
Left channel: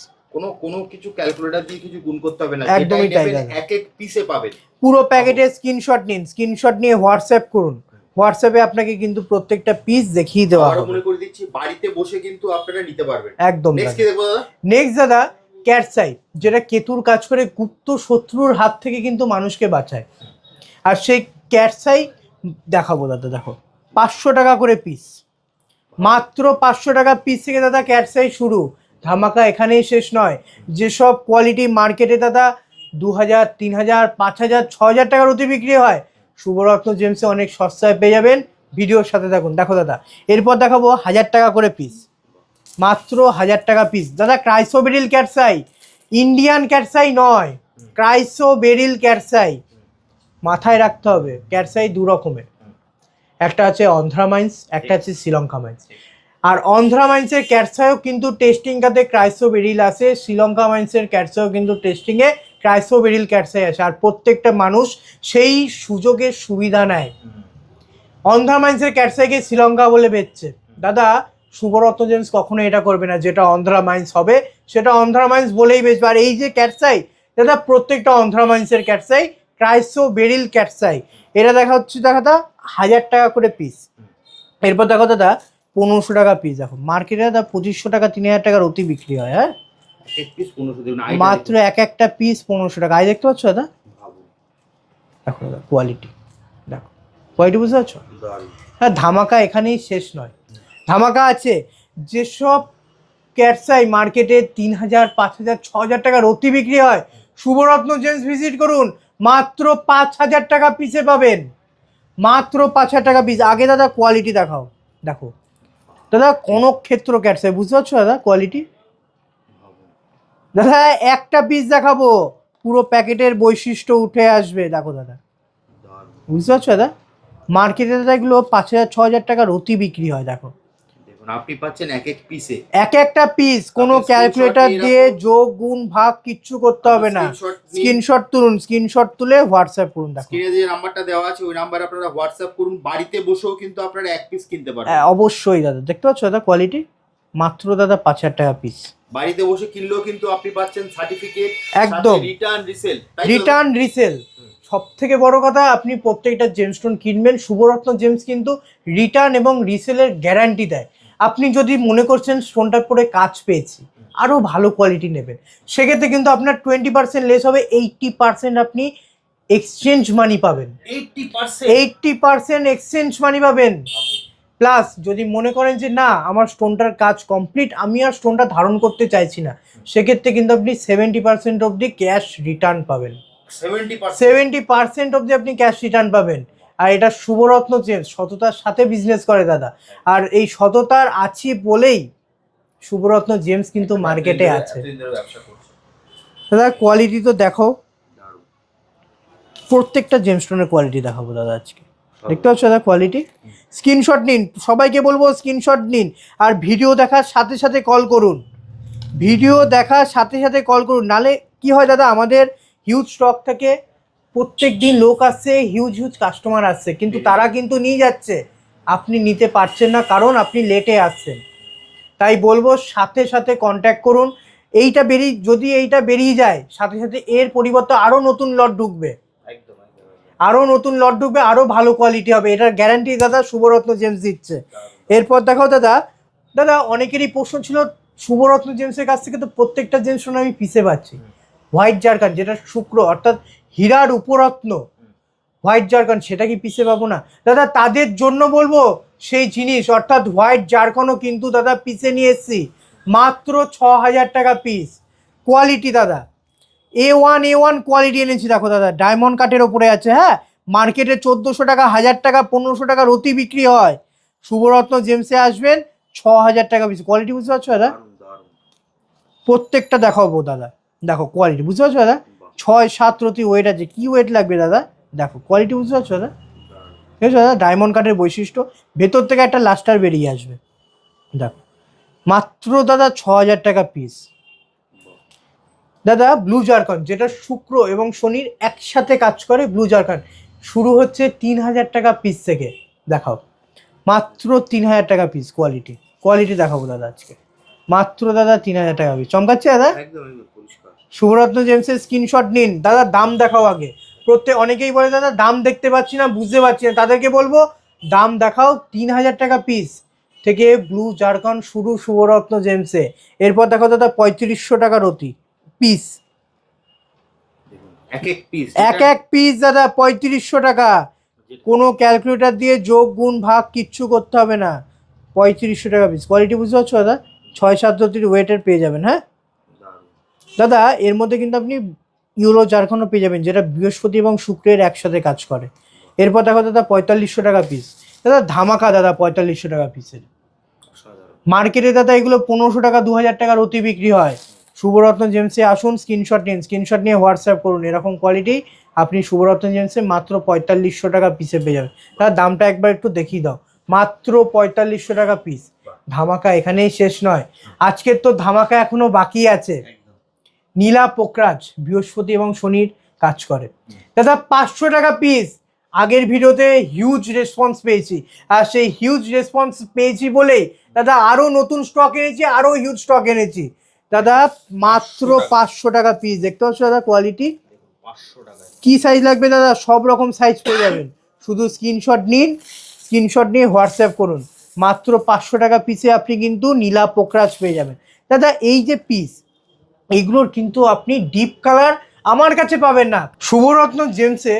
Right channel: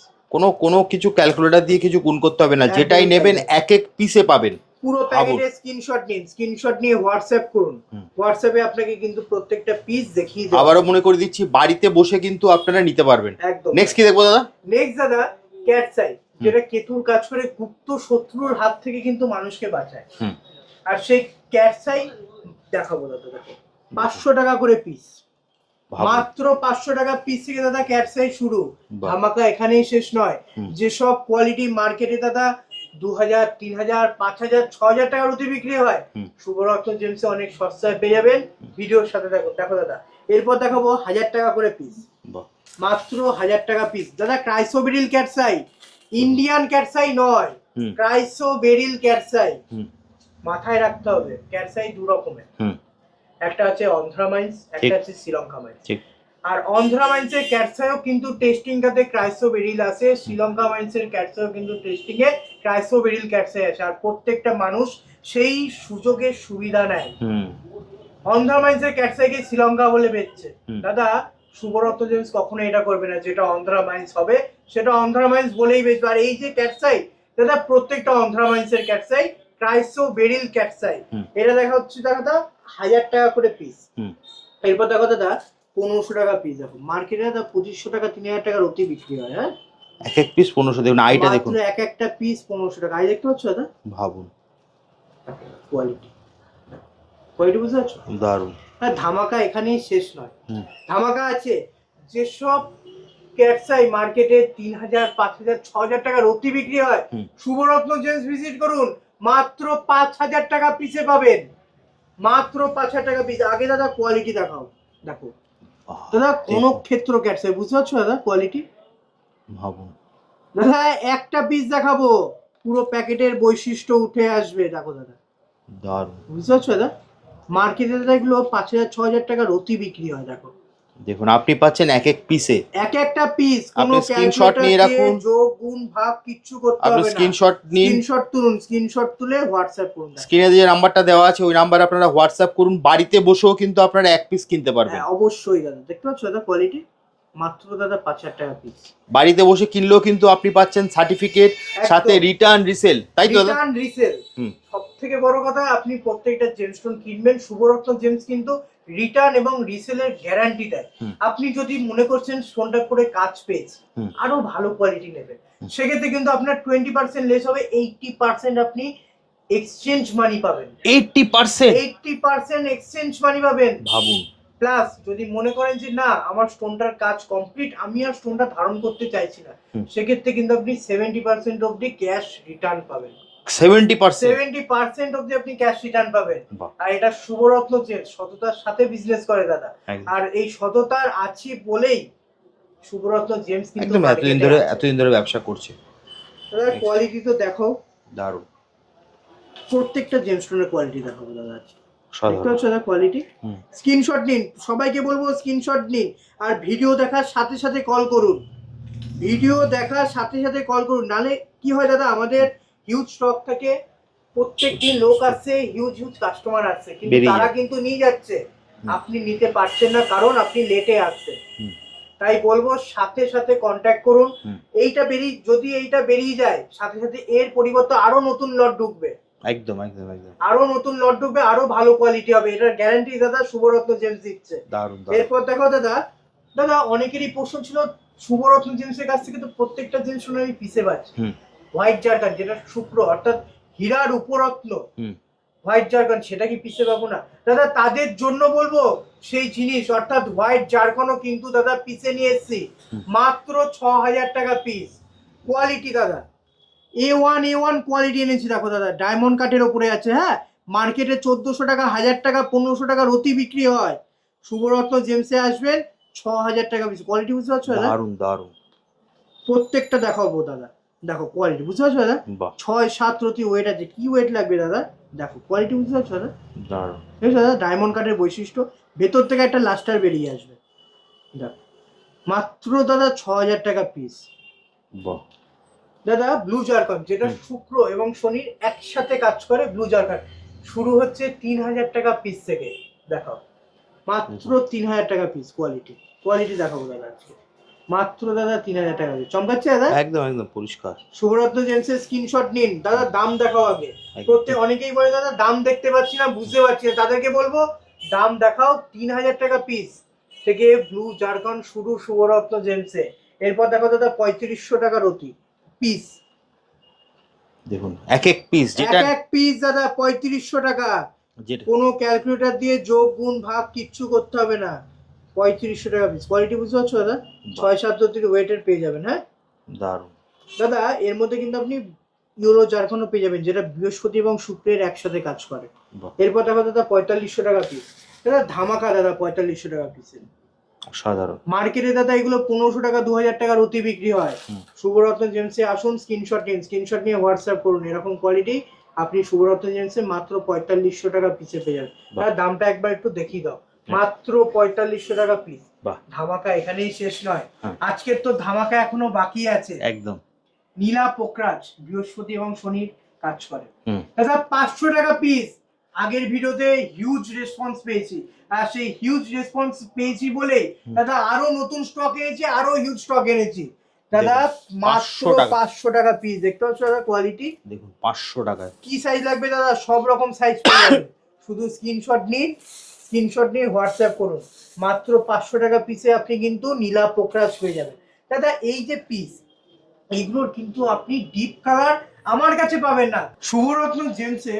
কোনো কিছু ক্যালকুলেটর দিয়ে কিছু গুণ করতে হবে না, যেটাই নেবেন এক এক পিসে পাবেন। পুরো প্যাকেটের স্ক্রিনশট নিন, স্ক্রিনশট নিয়ে হোয়াটসঅ্যাপ করুন, হোয়াটসঅ্যাপে আপনাকে কিন্তু প্রত্যেকটা পিস দেখিয়ে দেওয়া। আবারও মনে করে দিচ্ছি, বাড়িতে বসে কিন্তু আপনারা নিতে পারবেন একদম। নেক্সট কি দেখবো দাদা? নেক্সট দাদা ক্যাটসাই, যেটা কেতুর কাজ করে গুপ্ত শত্রুর হাত থেকে কিন্তু মানুষকে বাঁচায়। আর সেই ক্যাটসাই দেখাবো দাদা, দেখো 500 টাকা করে পিস, মাত্র 500 টাকা পিস থেকে দাদা ক্যাটসাই শুরু। ধামাকা এখানেই শেষ নয়। যেসব কোয়ালিটি মার্কেটে দাদা 2000, 3000, 5000, 6000 টাকার অতি বিক্রি হয়, শুভরত্ন জেমসে অনেক সস্তায় পেয়ে যাবেন। ভিডিওর সাথে থাকুন। দেখো দাদা এরপর দেখাবো 1000 টাকা করে পিস, মাত্র 1000 টাকা পিস দাদা। ক্রাইসোবেরিল ক্যাটসাই, ইন্ডিয়ান ক্যাটসাই নয়, ক্রাইসোবেরিল ক্যাটসাই। মাথায় রাখতে হবে ক্যাটসাই দু রকমের, একটা আছে অন্ধ্রা মাইন্স, একটা আছে শ্রীলঙ্কা মাইন্স। আর অন্ধ্রা মাইন্সের ক্যাটসাইও কিন্তু টেস্টিং কাতে ক্রাইসোবেরিল আছে, শ্রীলঙ্কা মাইন্সের ক্যাটসাইও কিন্তু টেস্টিং এ ক্রাইসোবেরিল ক্যাটসাই আছে। আর প্রত্যেকটা মানুষ সেই সুযোগের সুবিধা নেয়। অন্ধ্রা মাইন্সের ক্যাটসাইকে শ্রীলঙ্কা বলে বেচছে দাদা, শুভরত্ন জেমস কখনো এটা করবে না। যেটা অন্ধ্রা মাইন্স হবে সেটা অন্ধ্রা মাইন্স বলেই বেচবে। আর এই যে ক্যাটসাই দাদা, প্রত্যেকটা অন্ধ্রা মাইন্সের ক্যাটসাই ক্রাইসোবেরিল ক্যাটসাই। এটা দেখা হচ্ছে দাদা 1000 টাকা করে পিস। এরপর দেখো দাদা 1500 টাকা পিস। দেখো মার্কেটে দাদা 2500 টাকা, 3000 টাকার অতি বিক্রি হয়। হ্যাঁ, এক এক পিস 1500, দেখুন আইটা দেখুন, মাত্র এক একটা পিস 1500 টাকা। আই দেখতে পাচ্ছ দাদা, ভাবুন। দেখো দাদা কোয়ালিটি, দেখো কোয়ালিটি বুঝতে পারছো, দারুণ। হ্যাঁ, ধামাকা এখানেই শেষ নয়, ধামাকা আছে। যেসব ক্যাটসাই মার্কেটে 3000, 5000, 6000 টাকার অতি বিক্রি হয়, শুভরত্ন জেমস ভিজিট করুন, মাত্র 5,000 টাকা পিসে পাবেন, মাত্র 5,000 টাকা পিস। আগে দাদা কোয়ালিটি দেখাও, দেখো দাদা কোন ক্ষেত্র ক্যাটসে, বুঝতে পারছো দাদা কোয়ালিটি? ভাবুন দাদা একটা পিস দেখাবো, পুরো প্যাকেটের বৈশিষ্ট্য উঠে আসবে। দেখো দাদা, দারুণ। বুঝতে পারছো দাদা? মার্কেটে দাদা এগুলো 5,000 6,000 টাকার অতি বিক্রি হয়। দেখো দেখুন আপনি পাচ্ছেন এক এক পিসে, এক একটা পিস, কোনো আপনি screenshot ক্যালকুলেটর নিয়ে দিয়ে রাখুন। যোগ গুণ ভাগ কিচ্ছু করতে আপনি হবে না। স্ক্রিনশট নিন, স্ক্রিনশট তুলুন, স্ক্রিনশট তুলে হোয়াটসঅ্যাপ করুন। দেখো স্ক্রিনে যে নাম্বারটা দেওয়া আছে ওই নাম্বারে আপনারা হোয়াটসঅ্যাপ করুন, বাড়িতে বসেও কিন্তু আপনারা এক পিস কিনতে পারবেন। হ্যাঁ, অবশ্যই দাদা, দেখতে পাচ্ছ দাদা কোয়ালিটি, মাত্র দাদা 5,000 টাকা পিস। বাড়িতে বসে কিনলেও কিন্তু আপনি পাচ্ছেন সার্টিফিকেট, সাথে একদম। রিটার্ন রিসেল, তাই তো? রিটার্ন রিসেল, হুম। সব থেকে বড় কথা, আপনি প্রত্যেকটা জেমস্টোন কিনবেন, শুভরত্ন জেমস কিন্তু রিটার্ন এবং রিসেলের গ্যারান্টি দেয়। আপনি যদি মনে করছেন স্টোনটার পরে কাজ পেয়েছি, আরো ভালো কোয়ালিটি নেবেন, সেক্ষেত্রে কিন্তু আপনার 20% লেস হবে, 80% আপনি এক্সচেঞ্জ মানি পাবেন। 80% এক্সচেঞ্জ মানি পাবেন। ভাবুন। প্লাস যদি মনে করেন যে না আমার স্টোনটার কাজ কমপ্লিট, আমি আর স্টোনটা ধারণ করতে চাইছি না, সেক্ষেত্রে কিন্তু আপনি 70% অবধি ক্যাশ রিটার্ন পাবেন। 70% অবধি আপনি ক্যাশ রিটার্ন পাবেন। আর এটা শুভরত্ন জেমস সততার সাথে বিজনেস করে দাদা, আর এই সততার আছি বলেই শুভরত্ন জেমস কিন্তু মার্কেটে আছে, এতদিন ধরে ব্যবসা করছে। দাদা কোয়ালিটি তো দেখো, দারুণ। প্রত্যেকটা জেমস্টোনের কোয়ালিটি দেখাবো দাদা আজকে, দেখতে পাচ্ছ দাদা কোয়ালিটি। স্ক্রিনশট নিন, সবাইকে বলবো স্ক্রিনশট নিন, আর ভিডিও দেখার সাথে সাথে কল করুন, ভিডিও দেখার সাথে সাথে কল করুন। নালে কি হয় দাদা, আমাদের হিউজ স্টক থেকে প্রত্যেক দিন লোক আসছে, হিউজ হিউজ কাস্টমার আসছে, কিন্তু তারা কিন্তু নিয়ে যাচ্ছে, আপনি নিতে পারছেন না কারণ আপনি লেটে আসছেন। তাই বলবো সাথে সাথে কন্ট্যাক্ট করুন। যদি এইটা বেরিয়ে যায়, সাথে সাথে এর পরিবর্তে আরো নতুন লট ঢুকবে, একদম একদম একদম আরো নতুন লট ঢুকবে, আরো ভালো কোয়ালিটি হবে, এটার গ্যারান্টি দাদা শুভরত্ন জেমস দিচ্ছে। এরপর দেখো দাদা, দাদা অনেকেরই প্রশ্ন ছিল শুভরত্ন জেমসের কাছ থেকে তো প্রত্যেকটা জেমস আমি পিসে পাচ্ছি, হোয়াইট জারকান যেটা শুক্র অর্থাৎ হীরার উপরত্ন, হোয়াইট জারকান সেটা কি পিসে পাবো না? দাদা তাদের জন্য বলবো সেই জিনিস অর্থাৎ হোয়াইট জারকানও কিন্তু দাদা পিসে নিয়ে এসেছি, মাত্র 6,000 টাকা পিস। কোয়ালিটি দাদা A1 কোয়ালিটি এনেছি। দেখো দাদা ডায়মন্ড কাটের ওপরে আছে। হ্যাঁ, মার্কেটে 1,400 টাকা, 1,000 টাকা, 1,500 টাকার অতি বিক্রি হয়, শুভরত্ন জেমসে আসবেন 6,000 টাকা পিস। কোয়ালিটি বুঝতে পারছো দাদা? দারুণ দারুণ। প্রত্যেকটা দেখাবো দাদা, দেখো কোয়ালিটি বুঝতে পারছো দাদা? 6-7 রতি ওয়েট আছে, কি ওয়েট লাগবে দাদা? দেখো কোয়ালিটি বুঝতে পারছো দাদা? দারুণ। ঠিক আছে দাদা, ডায়মন্ড কাটের বৈশিষ্ট্য, ভেতর থেকে একটা লাস্টার বেরিয়ে আসবে। দেখো মাত্র দাদা 6,000 টাকা পিস। দাদা ব্লু জারকান যেটা শুক্র এবং শনির একসাথে কাজ করে, ব্লু জারকান শুরু হচ্ছে 3,000 টাকা পিস থেকে। দেখাও মাত্র 3,000 টাকা পিস। কোয়ালিটি দেখাবো দাদা আজকে, মাত্র দাদা 3,000 টাকা পিস। চমকাচ্ছে দাদা? একদম একদম পরিষ্কার। শুভরত্ন জেমসের স্ক্রিনশট নিন দাদা, দাম দেখাও আগে। অনেকেই বলে দাদা দাম দেখতে পাচ্ছি না, বুঝতে পারছি না, তাদেরকে বলবো দাম দেখাও। 3,000 টাকা পিস থেকে ব্লু জারকান শুরু শুভরত্ন জেমসে। এরপর দেখো দাদা 3,500 টাকার অতি পিস। দেখুন এক এক পিস দাদা 3,500 টাকা, কোনো ক্যালকুলেটর দিয়ে যোগ গুণ ভাগ কিচ্ছু করতে হবে না, 3,500 টাকা পিস। কোয়ালিটি বুঝতে পারছো দাদা? 6-7 রতির ওয়েটের পেয়ে যাবেন। হ্যাঁ দারুণ দাদা, এর মধ্যে কিন্তু আপনি ইউলো জারকানও পেয়ে যাবেন, যেটা বৃহস্পতি এবং শুক্রের একসাথে কাজ করে। এরপর দেখো দাদা 4,500 টাকা পিস। দাদা ধামাকা দাদা 4,500 টাকা পিসের। সাধারণ মার্কেটে দাদা এগুলো 1,500 টাকা 2,000 টাকার অতি বিক্রি হয়। শুভরত্ন জেমসে আসুন, স্ক্রিনশট নিন, স্ক্রিনশট নিয়ে হোয়াটসঅ্যাপ করুন, এরকম কোয়ালিটি আপনি শুভরত্ন জেমসে মাত্র 4,500 টাকা পিসে পেয়ে যাবেন। তার দামটা একবার একটু দেখিয়ে দাও, মাত্র 4,500 টাকা পিস। ধামাকা এখানেই শেষ নয়, আজকের তো ধামাকা এখনো বাকি আছে। একদম নীলা পোকরাজ বৃহস্পতি এবং শনির কাজ করে দাদা, 500 টাকা পিস। আগের ভিডিওতে হিউজ রেসপন্স পেয়েছি, আর সেই হিউজ রেসপন্স পেয়েছি বলেই দাদা আরো নতুন স্টক এনেছি, আরো হিউজ স্টক এনেছি দাদা, মাত্র 500 টাকা পিস। দেখতে পাচ্ছ দাদা কোয়ালিটি, দেখুন 500 টাকা। কি সাইজ লাগবে দাদা? সব রকম সাইজ পেয়ে যাবেন, শুধু স্ক্রিনশট নিন, স্ক্রিনশট নিয়ে হোয়াটসঅ্যাপ করুন। মাত্র 500 টাকা পিসে আপনি কিন্তু নীলা পোকরাজ পেয়ে যাবেন। দাদা এই যে পিস, এইগুলোর কিন্তু আপনি ডিপ কালার আমার কাছে পাবেন না। শুভরত্ন জেমসে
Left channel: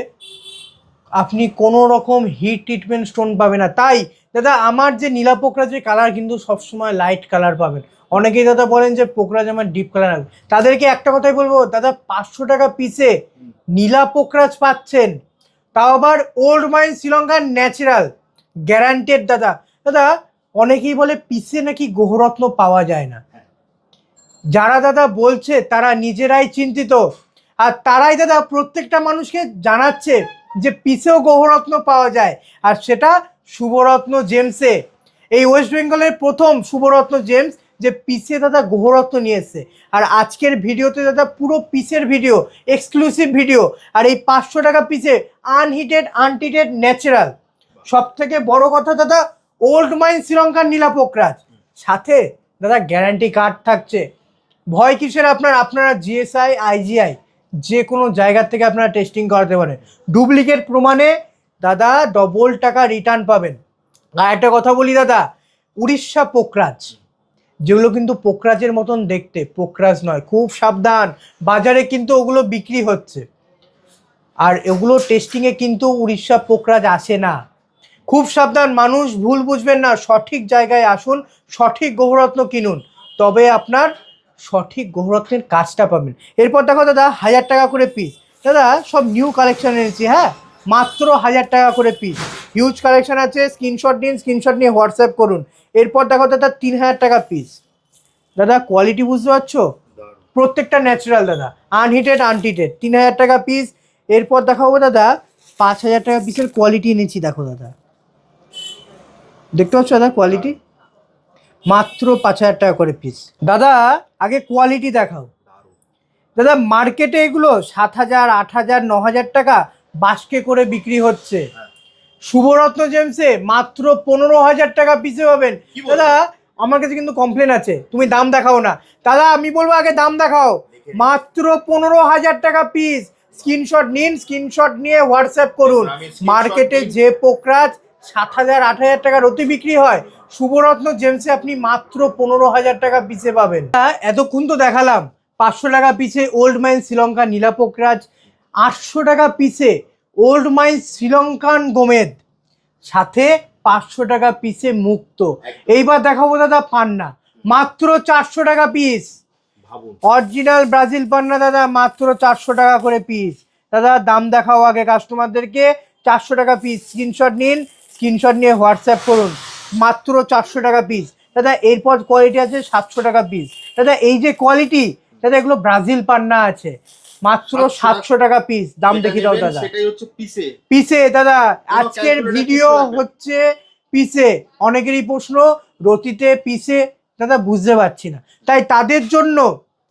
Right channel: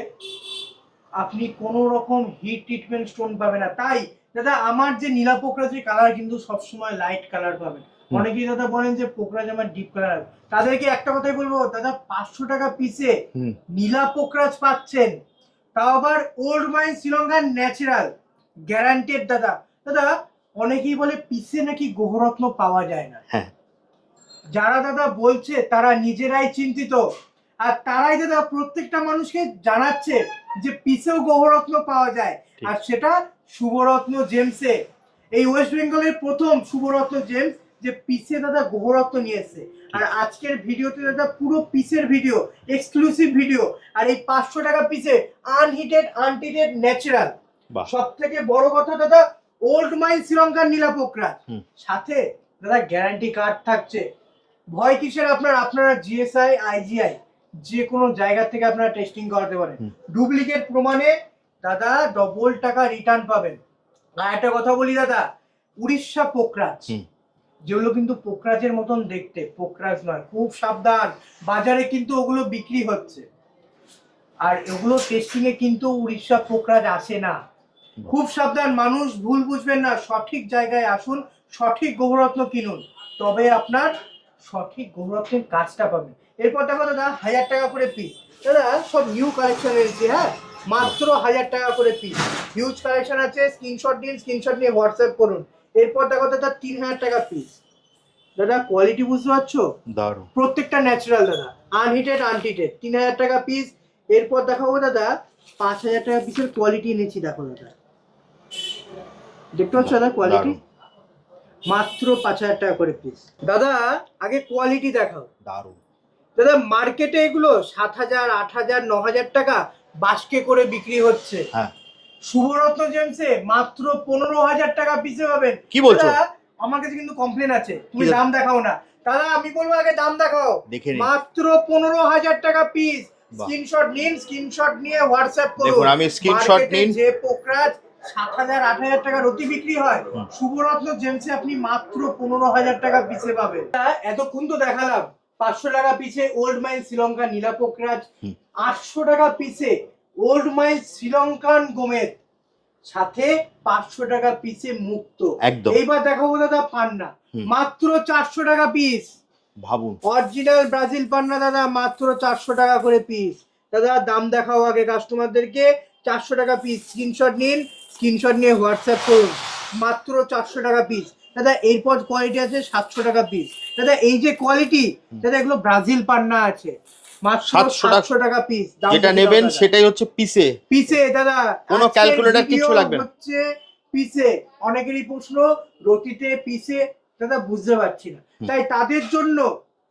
আপনি কোনো রকম হিট ট্রিটমেন্ট স্টোন পাবেন না, তাই দাদা আমার যে নীলা পোকরাজের কালার কিন্তু সবসময় লাইট কালার পাবেন। অনেকেই দাদা বলেন যে পোকরাজ আমার ডিপ কালার হবে, তাদেরকে একটা কথাই বলবো দাদা, 500 টাকা পিসে নীলা পোকরাজ পাচ্ছেন, তাও আবার ওল্ড মাইন শ্রীলঙ্কার ন্যাচারাল গ্যারান্টেড। দাদা দাদা অনেকেই বলে পিসে নাকি গ্রহরত্ন পাওয়া যায় না। হ্যাঁ, যারা দাদা বলছে তারা নিজেরাই চিন্তিত, আর তারাই দাদা প্রত্যেকটা মানুষকে জানাচ্ছে যে পিসেও গ্রহরত্ন পাওয়া যায়, আর সেটা শুভরত্ন জেমসে। এই ওয়েস্ট বেঙ্গলের প্রথম শুভরত্ন জেমস যে পিসে দাদা গ্রহরত্ন নিয়ে এসছে। আর আজকের ভিডিওতে দাদা পুরো পিসের ভিডিও, এক্সক্লুসিভ ভিডিও, আর এই 500 টাকা পিসে আনহিটেড আনটিটেড ন্যাচারাল। সব থেকে বড় কথা দাদা, ওল্ড মাইন শ্রীলঙ্কার নীলা পোকরাজ, সাথে দাদা গ্যারান্টি কার্ড থাকছে। ভয় কিসের আপনার? আপনারা জিএসআই আইজিআই যে কোনো জায়গা থেকে আপনারা টেস্টিং করাতে পারেন, ডুপ্লিকেট প্রমাণে দাদা ডবল টাকা রিটার্ন পাবেন। আর একটা কথা বলি দাদা, উড়িষ্যা পোকরাজ যেগুলো কিন্তু পোকরাজের মতন দেখতে, পোকরাজ নয়, খুব সাবধান, বাজারে কিন্তু ওগুলো বিক্রি হচ্ছে, আর এগুলো টেস্টিংয়ে কিন্তু উড়িষ্যা পোকরাজ আসে না। খুব সাবধান, মানুষ ভুল বুঝবেন না, সঠিক জায়গায় আসুন, সঠিক গ্রহরত্ন কিনুন, তবে আপনার সঠিক গ্রহরত্নের কাজটা পাবেন। এরপর দেখো দাদা 1000 টাকা করে পিস, দাদা সব নিউ কালেকশন এনেছি, হ্যাঁ মাত্র 1000 টাকা করে পিস, হিউজ কালেকশন আছে। স্ক্রিনশট দিন, স্ক্রিনশট নিয়ে হোয়াটসঅ্যাপ করুন। এরপর দেখো দাদা 3000 টাকা পিস, দাদা কোয়ালিটি বুঝতে পারছো, দারুণ, প্রত্যেকটা ন্যাচারাল দাদা, আনহিটেড আনটিটেড, 3000 টাকা পিস। এরপর দেখাবো দাদা 5000 টাকা পিসের কোয়ালিটি এনেছি, দেখো দাদা, দেখতে পাচ্ছ দাদা কোয়ালিটি, মাত্র 5000 টাকা করে পিস। দাদা আগে কোয়ালিটি দেখাও। দারুণ দাদা মার্কেটে এগুলো 7000, 8000, 9000 টাকা বাস্কে করে বিক্রি হচ্ছে। হ্যাঁ, শুভরত্ন জেমসে মাত্র 15000 টাকা পিসে পাবেন। কি বলছো? দাদা আমার কাছে কিন্তু কমপ্লেন আছে, তুমি দাম দেখাও না। দাদা আমি বলবো আগে দাম দেখাও। মাত্র 15000 টাকা পিস, স্ক্রিনশট নিন, স্ক্রিনশট নিয়ে হোয়াটসঅ্যাপ করুন। মার্কেটে যে পোকরাজ 7000, 8000 টাকার অতি বিক্রি হয়, শুভরত্ন জেমসে আপনি মাত্র 15000 টাকা পিসে পাবেন। এতক্ষণ তো দেখালাম 500 টাকা পিসে ওল্ড মাইন শ্রীলঙ্কা নীলা পোকরাজ, 800 টাকা পিসে ওল্ড মাইন শ্রীলঙ্কান গোমেদ, সাথে 500 টাকা পিসে মুক্ত। এইবার দেখাবো দাদা পান্না, মাত্র 400 টাকা পিস, ভাবুন অরিজিনাল ব্রাজিল পান্না দাদা, মাত্র 400 টাকা করে পিস। দাদা দাম দেখাও আগে কাস্টমারদেরকে, 400 টাকা পিস, স্ক্রিনশট নিন, স্ক্রিনশট নিয়ে হোয়াটসঅ্যাপ করুন, মাত্র 400 টাকা পিস। দাদা এরপর কোয়ালিটি আছে 700 টাকা পিস। দাদা এই যে কোয়ালিটি দাদা, এগুলো ব্রাজিল পান্না আছে, মাত্র 700 টাকা পিস। দাম নেবেন সেটাই হচ্ছে পিসে, পিসে দাদা। আজকের ভিডিও হচ্ছে পিসে। অনেকেরই প্রশ্ন রতিতে পিসে দাদা বুঝতে পারছি না, তাই তাদের জন্য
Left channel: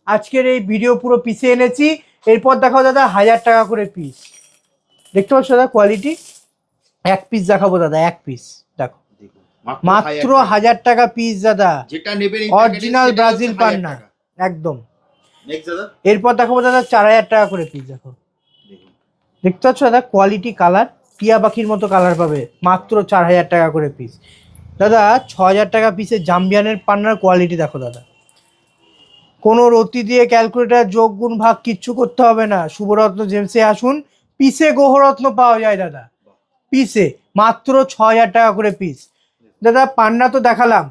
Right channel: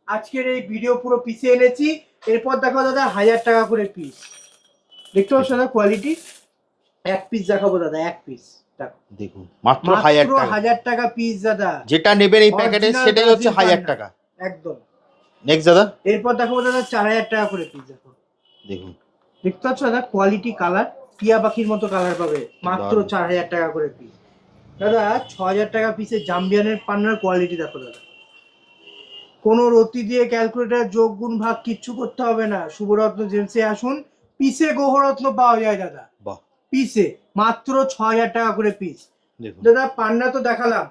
আজকের এই ভিডিও পুরো পিসে এনেছি। এরপর দেখাও দাদা 1000 টাকা করে পিস, দেখতে পাচ্ছ দাদা কোয়ালিটি। এক পিস দেখাবো দাদা, এক পিস দেখো, দেখুন মাত্র 1000 টাকা পিস দাদা, যেটা নেবেন এই প্যাকেটে সেটা হচ্ছে 1000 টাকা একদম। নেক্সট দাদা, এরপর দেখাবো দাদা 4000 টাকা করে পিস, দেখো দেখুন, দেখতে পাচ্ছ দাদা কোয়ালিটি, কালার টিয়া পাখির মতো কালার পাবে, মাত্র 4000 টাকা করে পিস। দাদা 6000 টাকা পিসের জাম্বিয়ানের পান্নার কোয়ালিটি দেখো দাদা, কোনো রতি দিয়ে ক্যালকুলেটার যোগ গুণ ভাগ কিচ্ছু করতে হবে না, শুভরত্ন জেমসে আসুন, পিসে গ্রহরত্ন পাওয়া যায় দাদা, পিসে মাত্র 6000 টাকা করে পিস। দাদা পান্না তো দেখালাম,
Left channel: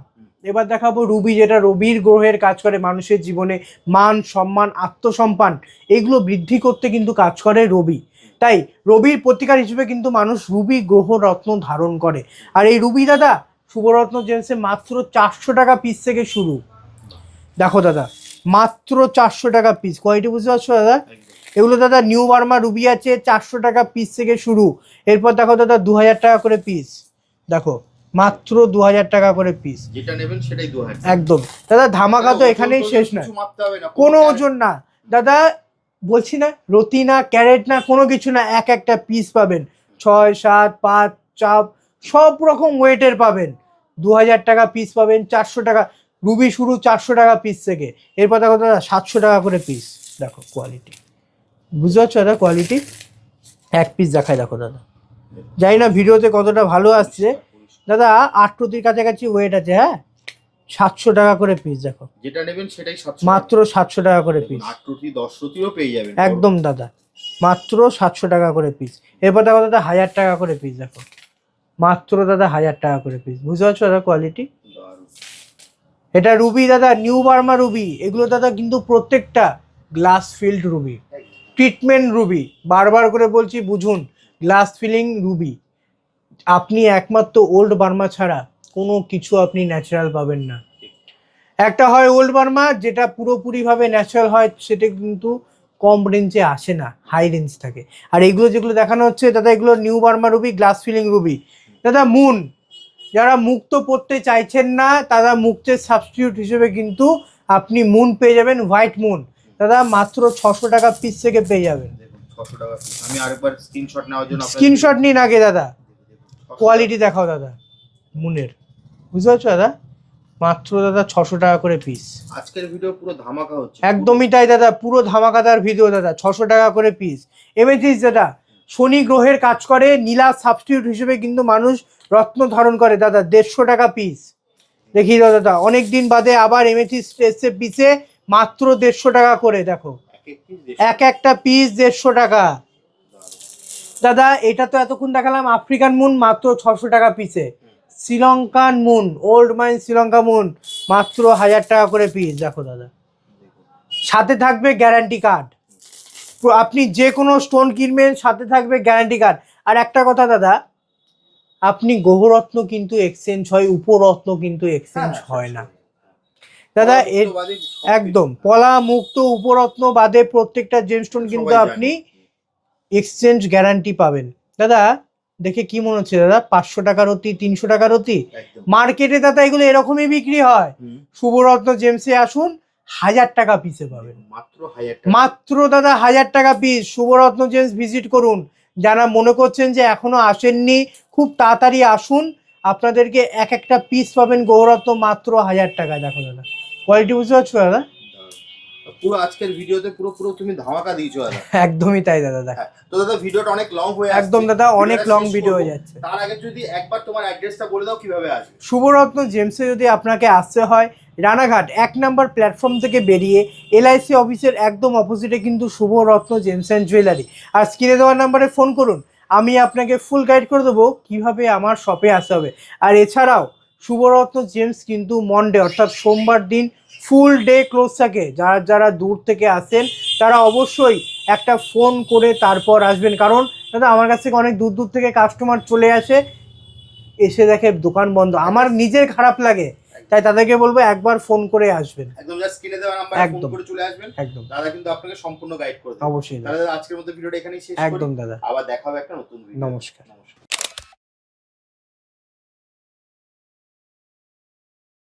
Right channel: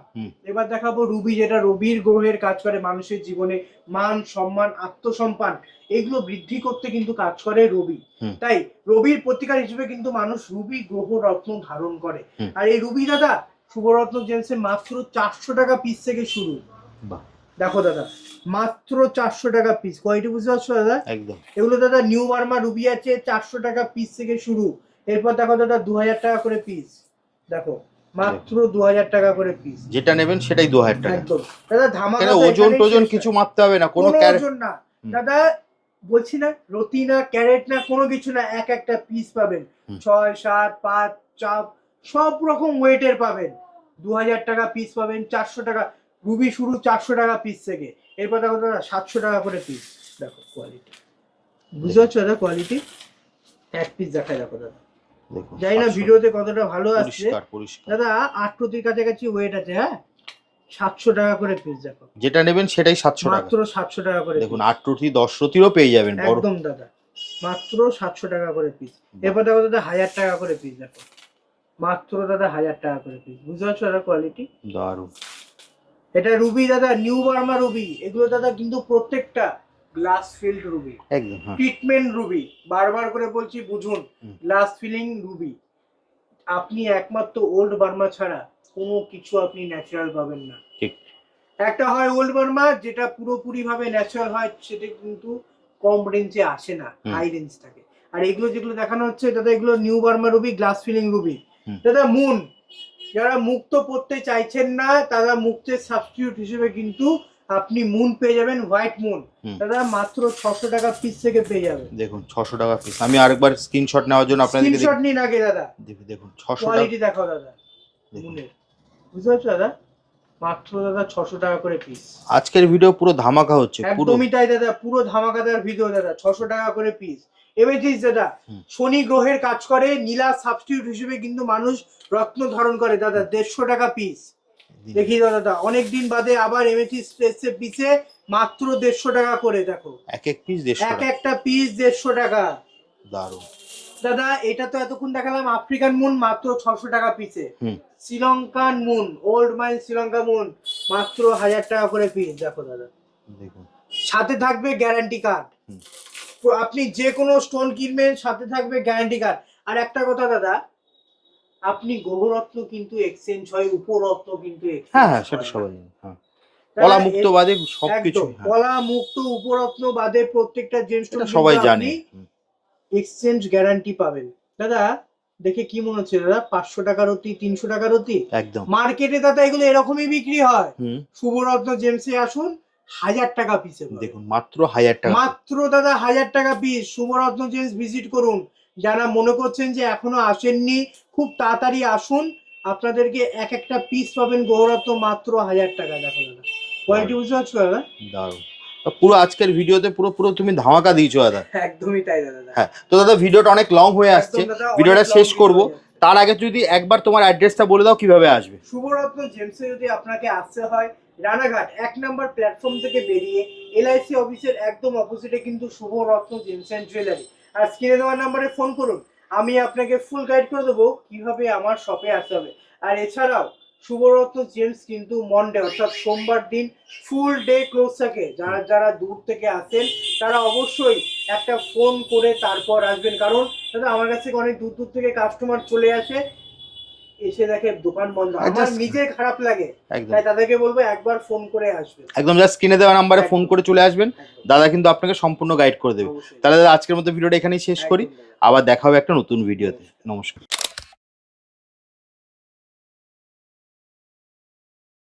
এবার দেখাবো রুবি, যেটা রবির গ্রহের কাজ করে মানুষের জীবনে মান সম্মান আত্মসম্মান এগুলো বৃদ্ধি করতে কিন্তু কাজ করে রবি। তাই রবির প্রতিকার হিসেবে কিন্তু মানুষ রুবি গ্রহ রত্ন ধারণ করে। আর এই রুবি দাদা শুভরত্ন জেমসে মাত্র 400 টাকা পিস থেকে শুরু, দেখো দাদা মাত্র 400 টাকা পিস। কোয়ালিটি বুঝতে পারছো দাদা, এগুলো দাদা নিউ বার্মা রুবি আছে, 400 টাকা পিস থেকে শুরু। এরপর দেখো দাদা 2000 টাকা করে পিস, দেখো মাত্র 2000 টাকা করে পিস, যেটা নেবেন সেটাই 2000 টাকা একদম। দাদা ধামাকা তো এখানে কিছু মাপতে হবে না, কোনো ওজন না দাদা, বলছি না রতি না ক্যারেট না কোনো কিছু না, এক একটা পিস পাবেন, 6, 7, 5, চাপ সব রকম ওয়েটের পাবেন। 2000 টাকা পিস পাবেন, 400 টাকা রুবি শুরু 400 টাকা পিস থেকে। এরপর দেখো দাদা 700 টাকা করে পিস, দেখো কোয়ালিটি বুঝতে পারছো দাদা, কোয়ালিটি এক পিস দেখায় দেখো দাদা, জানি না ভিডিওতে কতটা ভালো আসছে দাদা, 8 প্রতির কাছাকাছি ওয়েট আছে, হ্যাঁ 700 টাকা করে পিস, দেখো যেটা নেবেন সেটাই 700, মাত্র 700 টাকা করে পিস, 8 রুটি 10 রুটিরও পেয়ে যাবেন একদম দাদা, মাত্র 700 টাকা করে পিস। এরপর দেখো দাদা 1000 টাকা করে পিস, দেখো মাত্র দাদা 1000 টাকা করে পিস। বুঝতে পারছো দাদা কোয়ালিটি? দারুণ। এটা রুবি দাদা, নিউ বার্মা রুবি, এগুলো দাদা কিন্তু প্রত্যেকটা গ্লাস ফিল্ড রুবি, একদম ট্রিটমেন্ট রুবি, বারবার করে বলছি বুঝুন, গ্লাস ফিলিং রুবি। আপনি একমাত্র ওল্ড বার্মা ছাড়া কোনো কিছু আপনি ন্যাচারাল পাবেন না। ঠিক। একটা হয় ওল্ড বার্মা যেটা পুরোপুরি ভাবে ন্যাচারাল হয়, সেটা কিন্তু কম রেঞ্জে আসে না, হাই রেঞ্জ থাকে। আর এগুলো যেগুলো দেখানো হচ্ছে দাদা, এগুলো new Burma ruby, glass filling ruby. দাদা মুন, যারা মুক্ত পড়তে চাইছেন না তারা মুক্তের সাবস্টিটিউট হিসেবে কিন্তু আপনি মুন পেয়ে যাবেন, হোয়াইট মুন দাদা মাত্র 600 টাকা পিস থেকে পেয়ে যাবেন। দেখুন 600 টাকা পিস। আমি আরেকবার স্ক্রিনশট নেওয়ার জন্য আপনাদের স্ক্রিনশট নিন আগে দাদা, দেখুন 600 কোয়ালিটি দেখাও দাদা মুনের। বুঝতে পারছো দাদা? মাত্র দাদা 600 টাকা করে পিস। আজকের ভিডিও পুরো ধামাকা হচ্ছে। একদমই তাই দাদা, পুরো ধামাকাদার ভিডিও দাদা। 600 টাকা করে পিস। এমএথিস দাদা শনি গ্রহের কাজ করে, নীলা সাবস্টিটিউট হিসেবে কিন্তু মানুষ রত্ন ধারণ করে দাদা। 150 টাকা পিস। দেখি দাদা অনেকদিন বাদে আবার এমএথিস এসছে পিসে, মাত্র 150 টাকা করে। দেখো এক এক পিস এক একটা পিস 150 টাকা। দারুণ দাদা এটা তো এতক্ষণ দেখালাম আফ্রিকান মুন, মাত্র 600 টাকা পিসে। Sri Lankan moon, old mine Sri Lanka moon, মাত্র 1000 টাকা করে পিস। দেখো দাদা সাথে থাকবে গ্যারান্টি কার্ড, আপনি যে কোনো স্টোন কিনবেন সাথে থাকবে গ্যারান্টি কার্ড। আর একটা কথা দাদা, আপনি গ্রহরত্ন কিন্তু এক্সচেঞ্জ হয়, উপরত্ন কিন্তু এক্সচেঞ্জ হয় না দাদা। একদম পলা মুক্ত উপরত্ন বাদে প্রত্যেকটা জেমস্টোন কিন্তু আপনি এক্সচেঞ্জ গ্যারান্টি পাবেন। দাদা দেখে কি মনে হচ্ছে দাদা? 500 টাকার অতি, 300 টাকার অতি। মার্কেটে দাদা এগুলো এরকমই বিক্রি হয়। শুভরত্ন জেমসে আসুন, 1000 টাকা পিসে পাবেন। মাত্র 1000 টাকা, মাত্র দাদা 1000 টাকা পিস। শুভরত্ন জেমস ভিজিট করুন। যারা মনে করছেন যে এখনো আসেননি, খুব তাড়াতাড়ি আসুন, আপনাদেরকে এক একটা পিস পাবেন গৌরত্ন মাত্র 1000 টাকা। দেখো দাদা কোয়ালিটি বুঝতে পারছো দাদা? দারুণ। পুরো আজকের ভিডিওতে পুরো তুমি ধামাকা দিয়েছো দাদা। একদমই তাই দাদা। হ্যাঁ, তো দাদা ভিডিওটা অনেক লং হয়ে আসছে, একদম দাদা ভিডিওটা শেষ করব। তার আগে যদি একবার তোমার অ্যাড্রেসটা বলে দাও কিভাবে আসবে। শুভরত্ন জেমসে যদি আপনাকে আসতে হয়, রানাঘাট 1 নম্বর প্ল্যাটফর্ম থেকে বেরিয়ে এলআইসি অফিসের একদম অপোজিটে কিন্তু শুভরত্ন জেমস অ্যান্ড জুয়েলারি। আর স্ক্রিনে দেওয়ার নাম্বারে ফোন করুন, আমি আপনাকে ফুল গাইড করে দেবো কিভাবে আমার শপে আসতে হবে। আর এছাড়াও শুভরত্ন জেমস কিন্তু মনডে অর্থাৎ সোমবার দিন ফুল ডে ক্লোজ থাকে। যারা দূর থেকে আসেন তারা অবশ্যই একটা ফোন করে তারপর আসবেন, কারণ দাদা আমার কাছ থেকে অনেক দূর থেকে কাস্টমার চলে আসে, এসে দেখে দোকান বন্ধ, আমার নিজের খারাপ লাগে। তাই তাদেরকে বলবো একবার ফোন করে আসবেন। একদম জাস্ট স্ক্রিনে দেওয়া নাম্বারে ফোন করে চলে আসবেন, দাদা কিন্তু আপনাকে সম্পূর্ণ গাইড করে দেবে। তাহলে আজকের মতো ভিডিওটা এখানেই শেষ করি, আবার দেখা হবে একটা নতুন ভিডিও। নমস্কার।